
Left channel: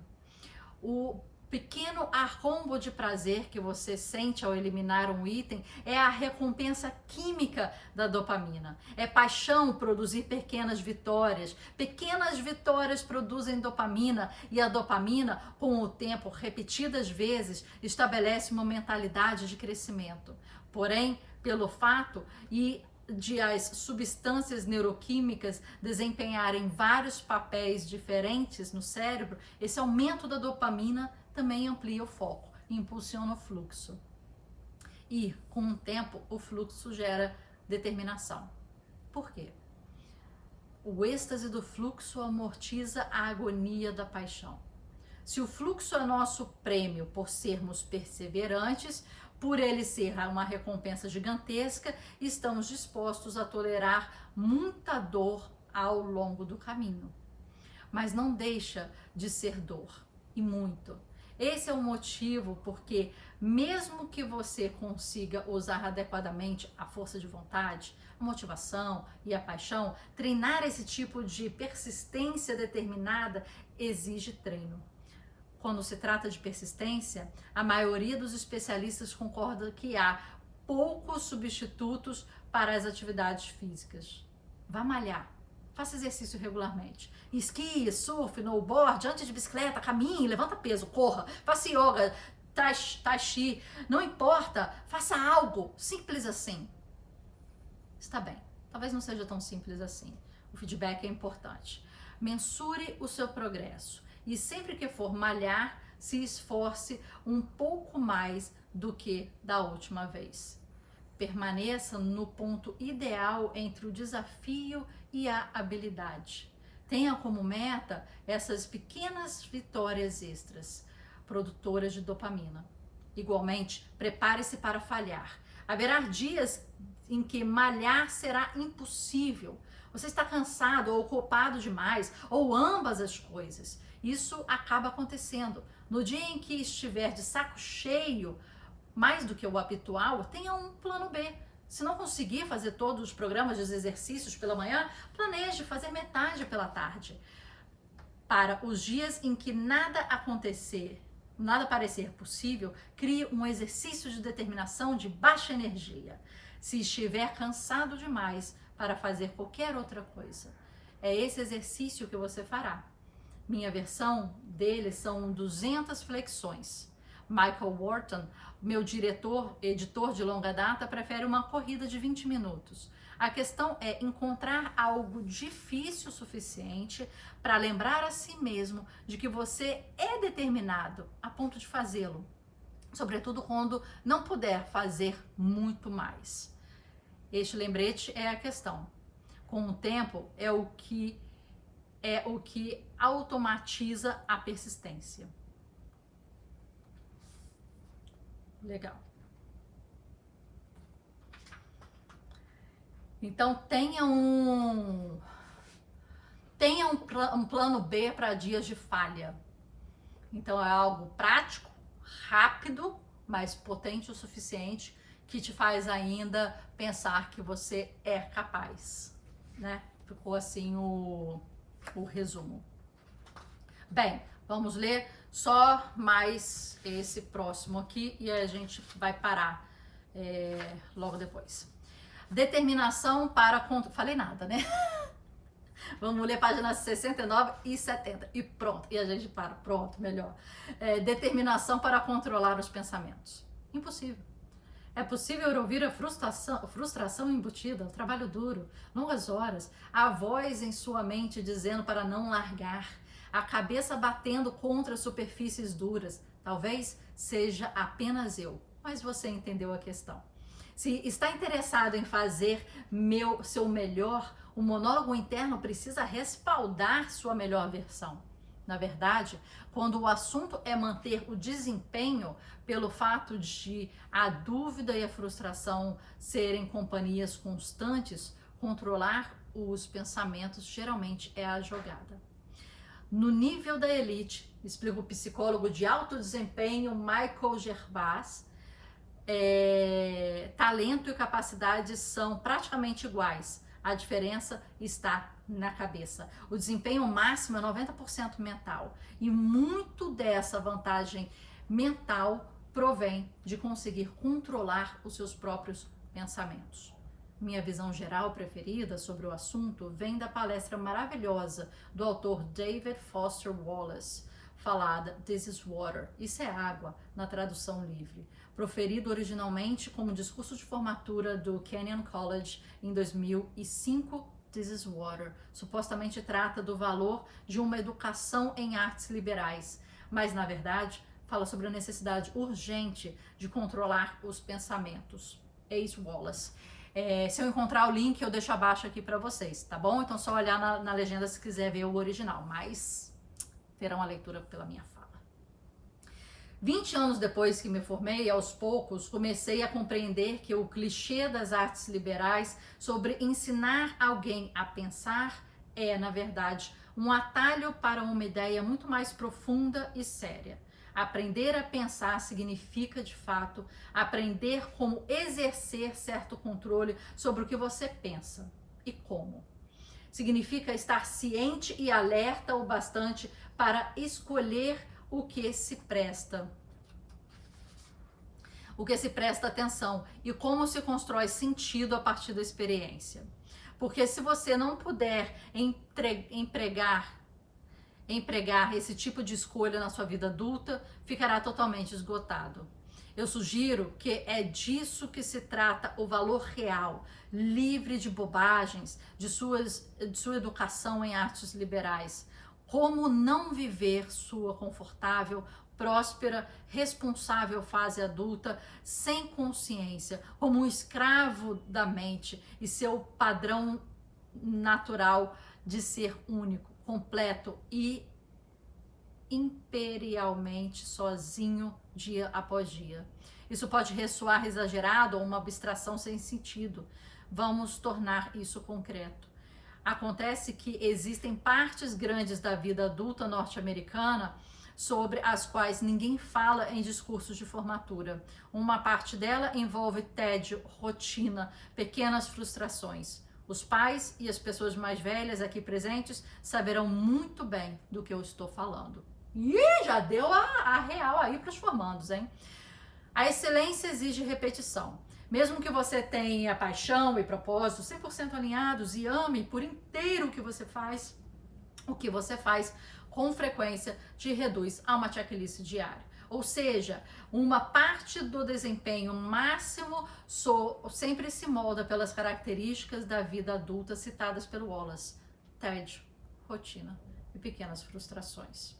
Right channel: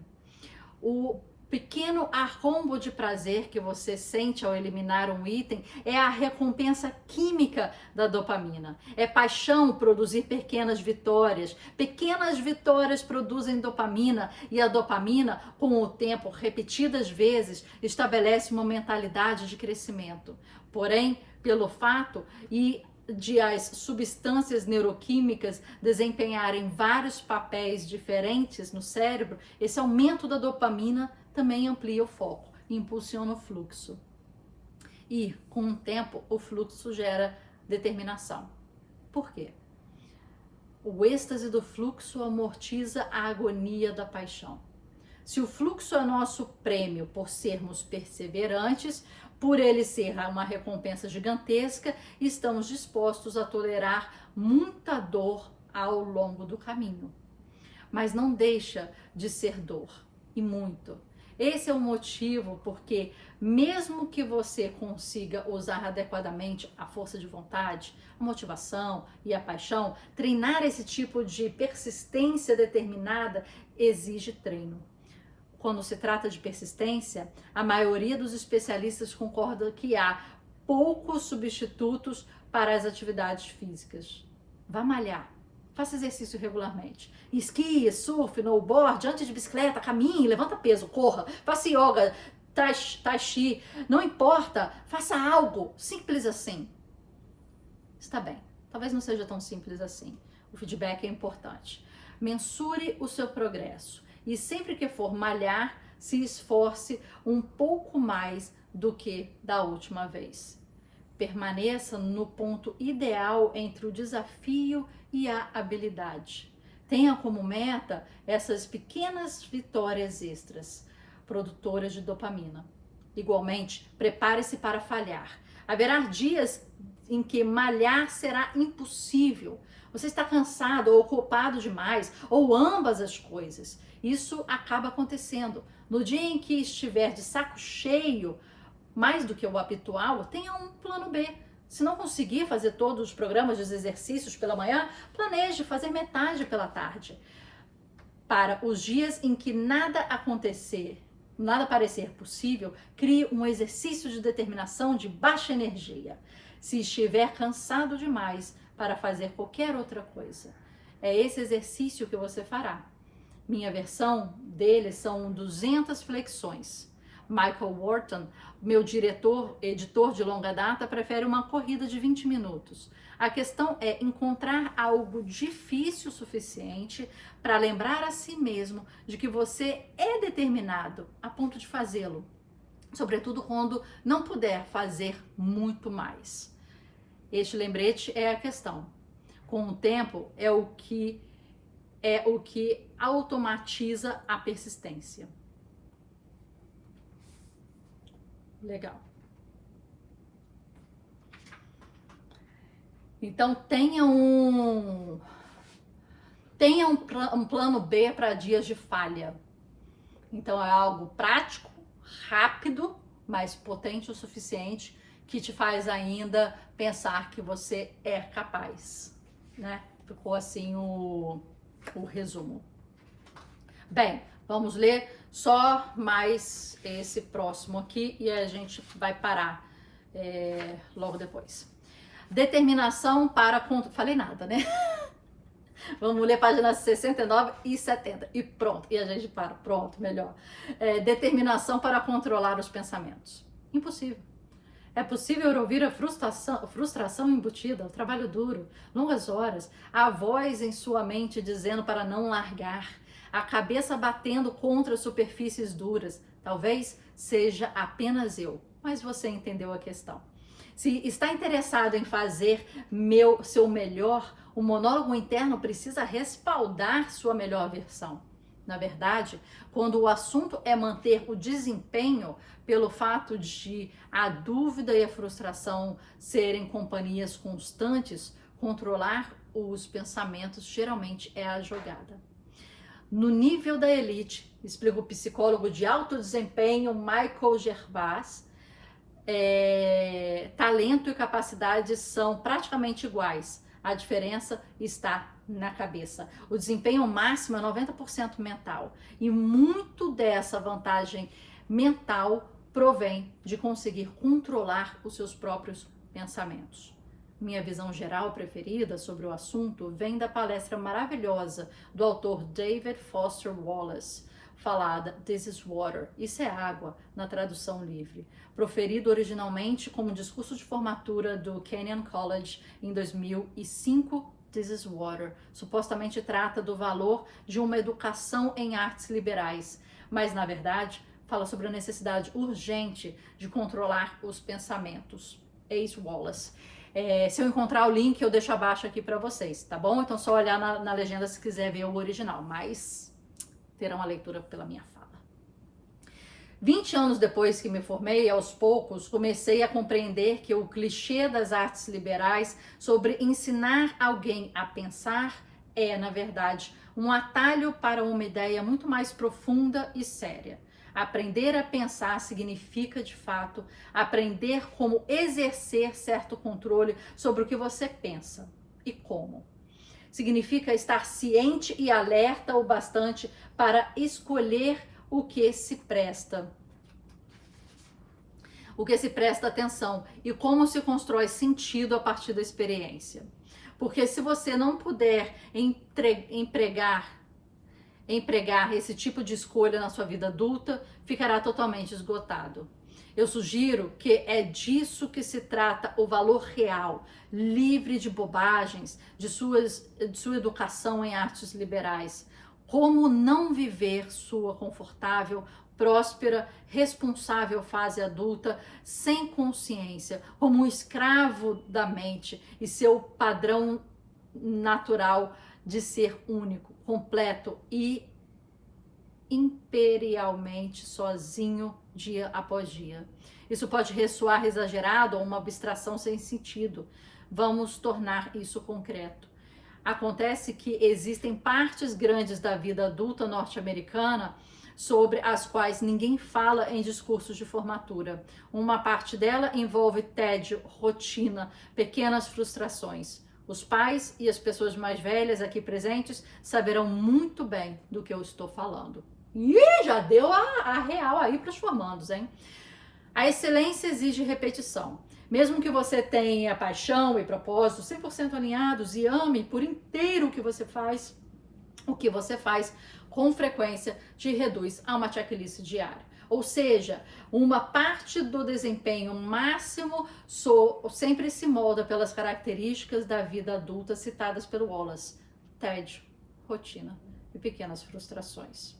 O pequeno arrombo de prazer que você sente ao eliminar um item é a recompensa química da dopamina. É paixão produzir pequenas vitórias. Pequenas vitórias produzem dopamina e a dopamina, com o tempo, repetidas vezes, estabelece uma mentalidade de crescimento. Porém, pelo fato de as substâncias neuroquímicas desempenharem vários papéis diferentes no cérebro, esse aumento da dopamina também amplia o foco, impulsiona o fluxo. E, com o tempo, o fluxo gera determinação. Por quê? O êxtase do fluxo amortiza a agonia da paixão. Se o fluxo é nosso prêmio por sermos perseverantes, por ele ser uma recompensa gigantesca, estamos dispostos a tolerar muita dor ao longo do caminho. Mas não deixa de ser dor, e muito. Esse é o motivo porque, mesmo que você consiga usar adequadamente a força de vontade, a motivação e a paixão, treinar esse tipo de persistência determinada exige treino. Quando se trata de persistência, a maioria dos especialistas concorda que há poucos substitutos para as atividades físicas. Vá malhar, faça exercício regularmente. Esqui, surf, snowboard, ande de bicicleta, caminhe, levanta peso, corra, faça yoga, tai chi, não importa, faça algo simples assim. Está bem, talvez não seja tão simples assim. O feedback é importante. Mensure o seu progresso. E sempre que for malhar, se esforce um pouco mais do que da última vez. Permaneça no ponto ideal entre o desafio e a habilidade. Tenha como meta essas pequenas vitórias extras, produtoras de dopamina. Igualmente, prepare-se para falhar. Haverá dias em que malhar será impossível. Você está cansado ou ocupado demais, ou ambas as coisas. Isso acaba acontecendo. No dia em que estiver de saco cheio, mais do que o habitual, tenha um plano B. Se não conseguir fazer todos os programas dos exercícios pela manhã, planeje fazer metade pela tarde. Para os dias em que nada parecer possível, crie um exercício de determinação de baixa energia. Se estiver cansado demais para fazer qualquer outra coisa, é esse exercício que você fará. Minha versão dele são 200 flexões. Michael Wharton, meu editor de longa data, prefere uma corrida de 20 minutos. A questão é encontrar algo difícil o suficiente para lembrar a si mesmo de que você é determinado a ponto de fazê-lo, sobretudo quando não puder fazer muito mais. Este lembrete é a questão. Com o tempo, é o que automatiza a persistência. Legal. Então, tenha um plano B para dias de falha. Então, é algo prático, rápido, mas potente o suficiente que te faz ainda pensar que você é capaz, né? Ficou assim o resumo. Bem, vamos ler só mais esse próximo aqui e a gente vai parar logo depois. Determinação para... Falei nada, né? Vamos ler páginas 69 e 70 e pronto. E a gente para. Pronto, melhor. Determinação para controlar os pensamentos. Impossível. É possível ouvir a frustração embutida, o trabalho duro, longas horas, a voz em sua mente dizendo para não largar, a cabeça batendo contra superfícies duras. Talvez seja apenas eu, mas você entendeu a questão. Se está interessado em fazer seu melhor, o monólogo interno precisa respaldar sua melhor versão. Na verdade, quando o assunto é manter o desempenho, pelo fato de a dúvida e a frustração serem companhias constantes, controlar os pensamentos geralmente é a jogada. No nível da elite, explica o psicólogo de alto desempenho Michael Gervais, talento e capacidade são praticamente iguais. A diferença está na cabeça. O desempenho máximo é 90% mental. E muito dessa vantagem mental provém de conseguir controlar os seus próprios pensamentos. Minha visão geral preferida sobre o assunto vem da palestra maravilhosa do autor David Foster Wallace, falada This is Water, isso é água, na tradução livre, proferido originalmente como discurso de formatura do Kenyon College em 2005. This is Water supostamente trata do valor de uma educação em artes liberais, mas na verdade fala sobre a necessidade urgente de controlar os pensamentos. Ace Wallace. Se eu encontrar o link, eu deixo abaixo aqui para vocês, tá bom? Então só olhar na legenda se quiser ver o original, mas terão a leitura pela minha fala. 20 anos depois que me formei, aos poucos, comecei a compreender que o clichê das artes liberais sobre ensinar alguém a pensar é, na verdade, um atalho para uma ideia muito mais profunda e séria. Aprender a pensar significa, de fato, aprender como exercer certo controle sobre o que você pensa e como. Significa estar ciente e alerta o bastante para escolher o que se presta atenção e como se constrói sentido a partir da experiência. Porque se você não puder empregar esse tipo de escolha na sua vida adulta, ficará totalmente esgotado. Eu sugiro que é disso que se trata o valor real, livre de bobagens, de sua educação em artes liberais. Como não viver sua confortável, próspera, responsável fase adulta, sem consciência, como um escravo da mente e seu padrão natural de ser único, completo e imperialmente sozinho dia após dia. Isso pode ressoar exagerado ou uma abstração sem sentido. Vamos tornar isso concreto. Acontece que existem partes grandes da vida adulta norte-americana sobre as quais ninguém fala em discursos de formatura. Uma parte dela envolve tédio, rotina, pequenas frustrações. Os pais e as pessoas mais velhas aqui presentes saberão muito bem do que eu estou falando. Ih, já deu a real aí para os formandos, hein? A excelência exige repetição. Mesmo que você tenha paixão e propósito 100% alinhados e ame por inteiro o que você faz com frequência te reduz a uma checklist diária. Ou seja, uma parte do desempenho máximo sempre se molda pelas características da vida adulta citadas pelo Wallace: tédio, rotina e pequenas frustrações.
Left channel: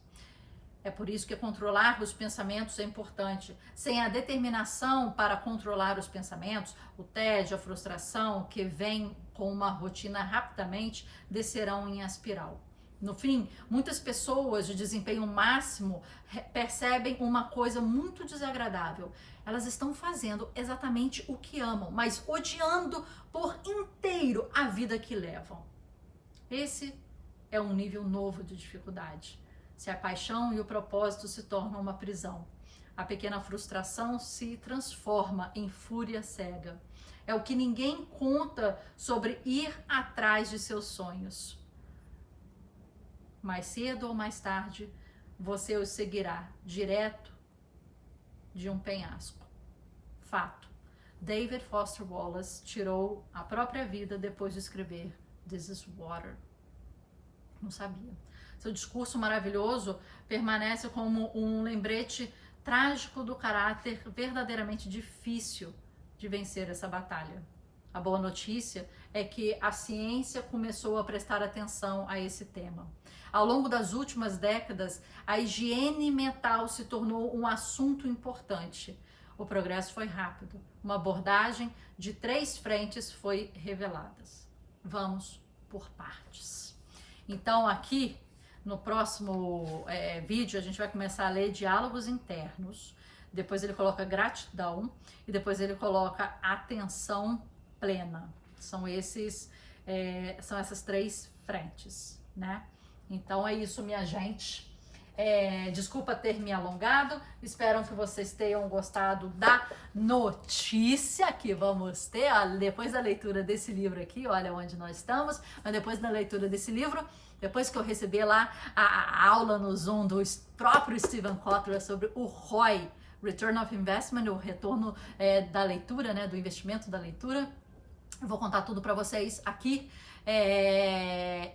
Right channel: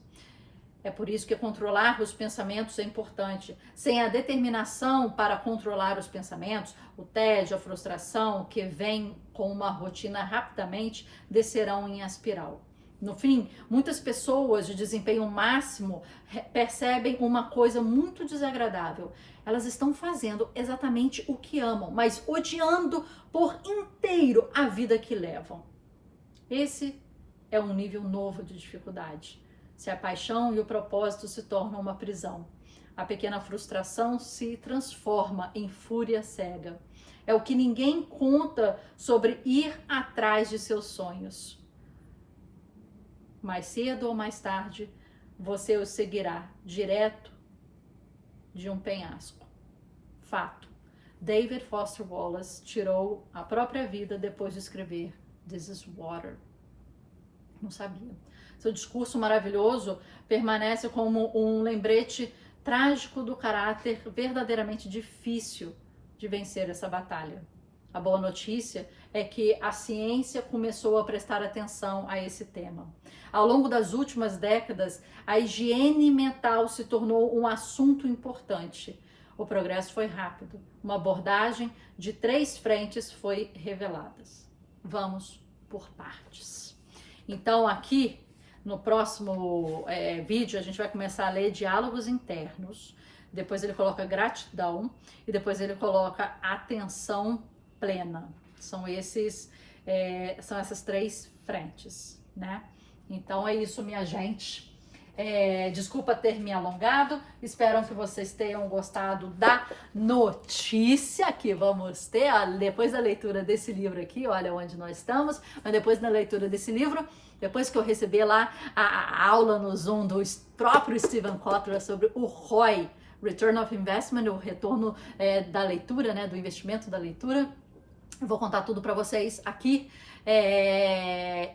É por isso que controlar os pensamentos é importante. Sem a determinação para controlar os pensamentos, o tédio, a frustração que vem com uma rotina rapidamente descerão em espiral. No fim, muitas pessoas de desempenho máximo percebem uma coisa muito desagradável. Elas estão fazendo exatamente o que amam, mas odiando por inteiro a vida que levam. Esse é um nível novo de dificuldade. Se a paixão e o propósito se tornam uma prisão, a pequena frustração se transforma em fúria cega. É o que ninguém conta sobre ir atrás de seus sonhos. Mais cedo ou mais tarde, você os seguirá direto de um penhasco. Fato. David Foster Wallace tirou a própria vida depois de escrever This is Water. Não sabia. Seu discurso maravilhoso permanece como um lembrete trágico do caráter verdadeiramente difícil de vencer essa batalha. A boa notícia é que a ciência começou a prestar atenção a esse tema. Ao longo das últimas décadas, a higiene mental se tornou um assunto importante. O progresso foi rápido. Uma abordagem de 3 frentes foi revelada. Vamos por partes. Então, aqui no próximo vídeo a gente vai começar a ler Diálogos Internos, depois ele coloca Gratidão e depois ele coloca Atenção Plena. São essas 3 frentes, né? Então é isso, minha gente. Desculpa ter me alongado, espero que vocês tenham gostado da notícia que vamos ter, depois da leitura desse livro aqui, olha onde nós estamos, mas depois da leitura desse livro, depois que eu receber lá a aula no Zoom do próprio Steven Kotler sobre o ROI, Return of Investment, o retorno da leitura, né, do investimento da leitura, eu vou contar tudo para vocês aqui.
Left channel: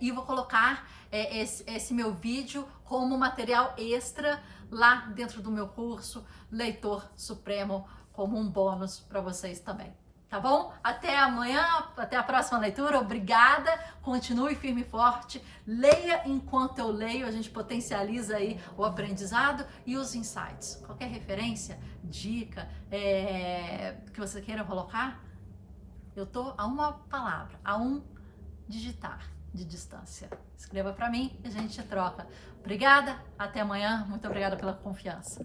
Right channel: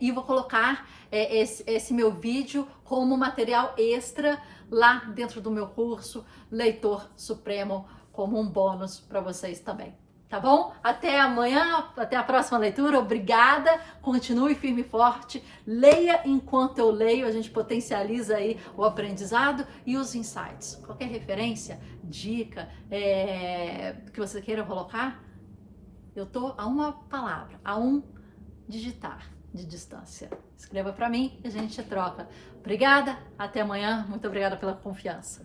E vou colocar esse meu vídeo como material extra lá dentro do meu curso Leitor Supremo, como um bônus para vocês também. Tá bom? Até amanhã, até a próxima leitura. Obrigada, continue firme e forte. Leia enquanto eu leio, a gente potencializa aí o aprendizado e os insights. Qualquer referência, dica que você queira colocar, eu tô a uma palavra, a um digitar de distância. Escreva para mim e a gente troca. Obrigada, até amanhã. Muito obrigada pela confiança.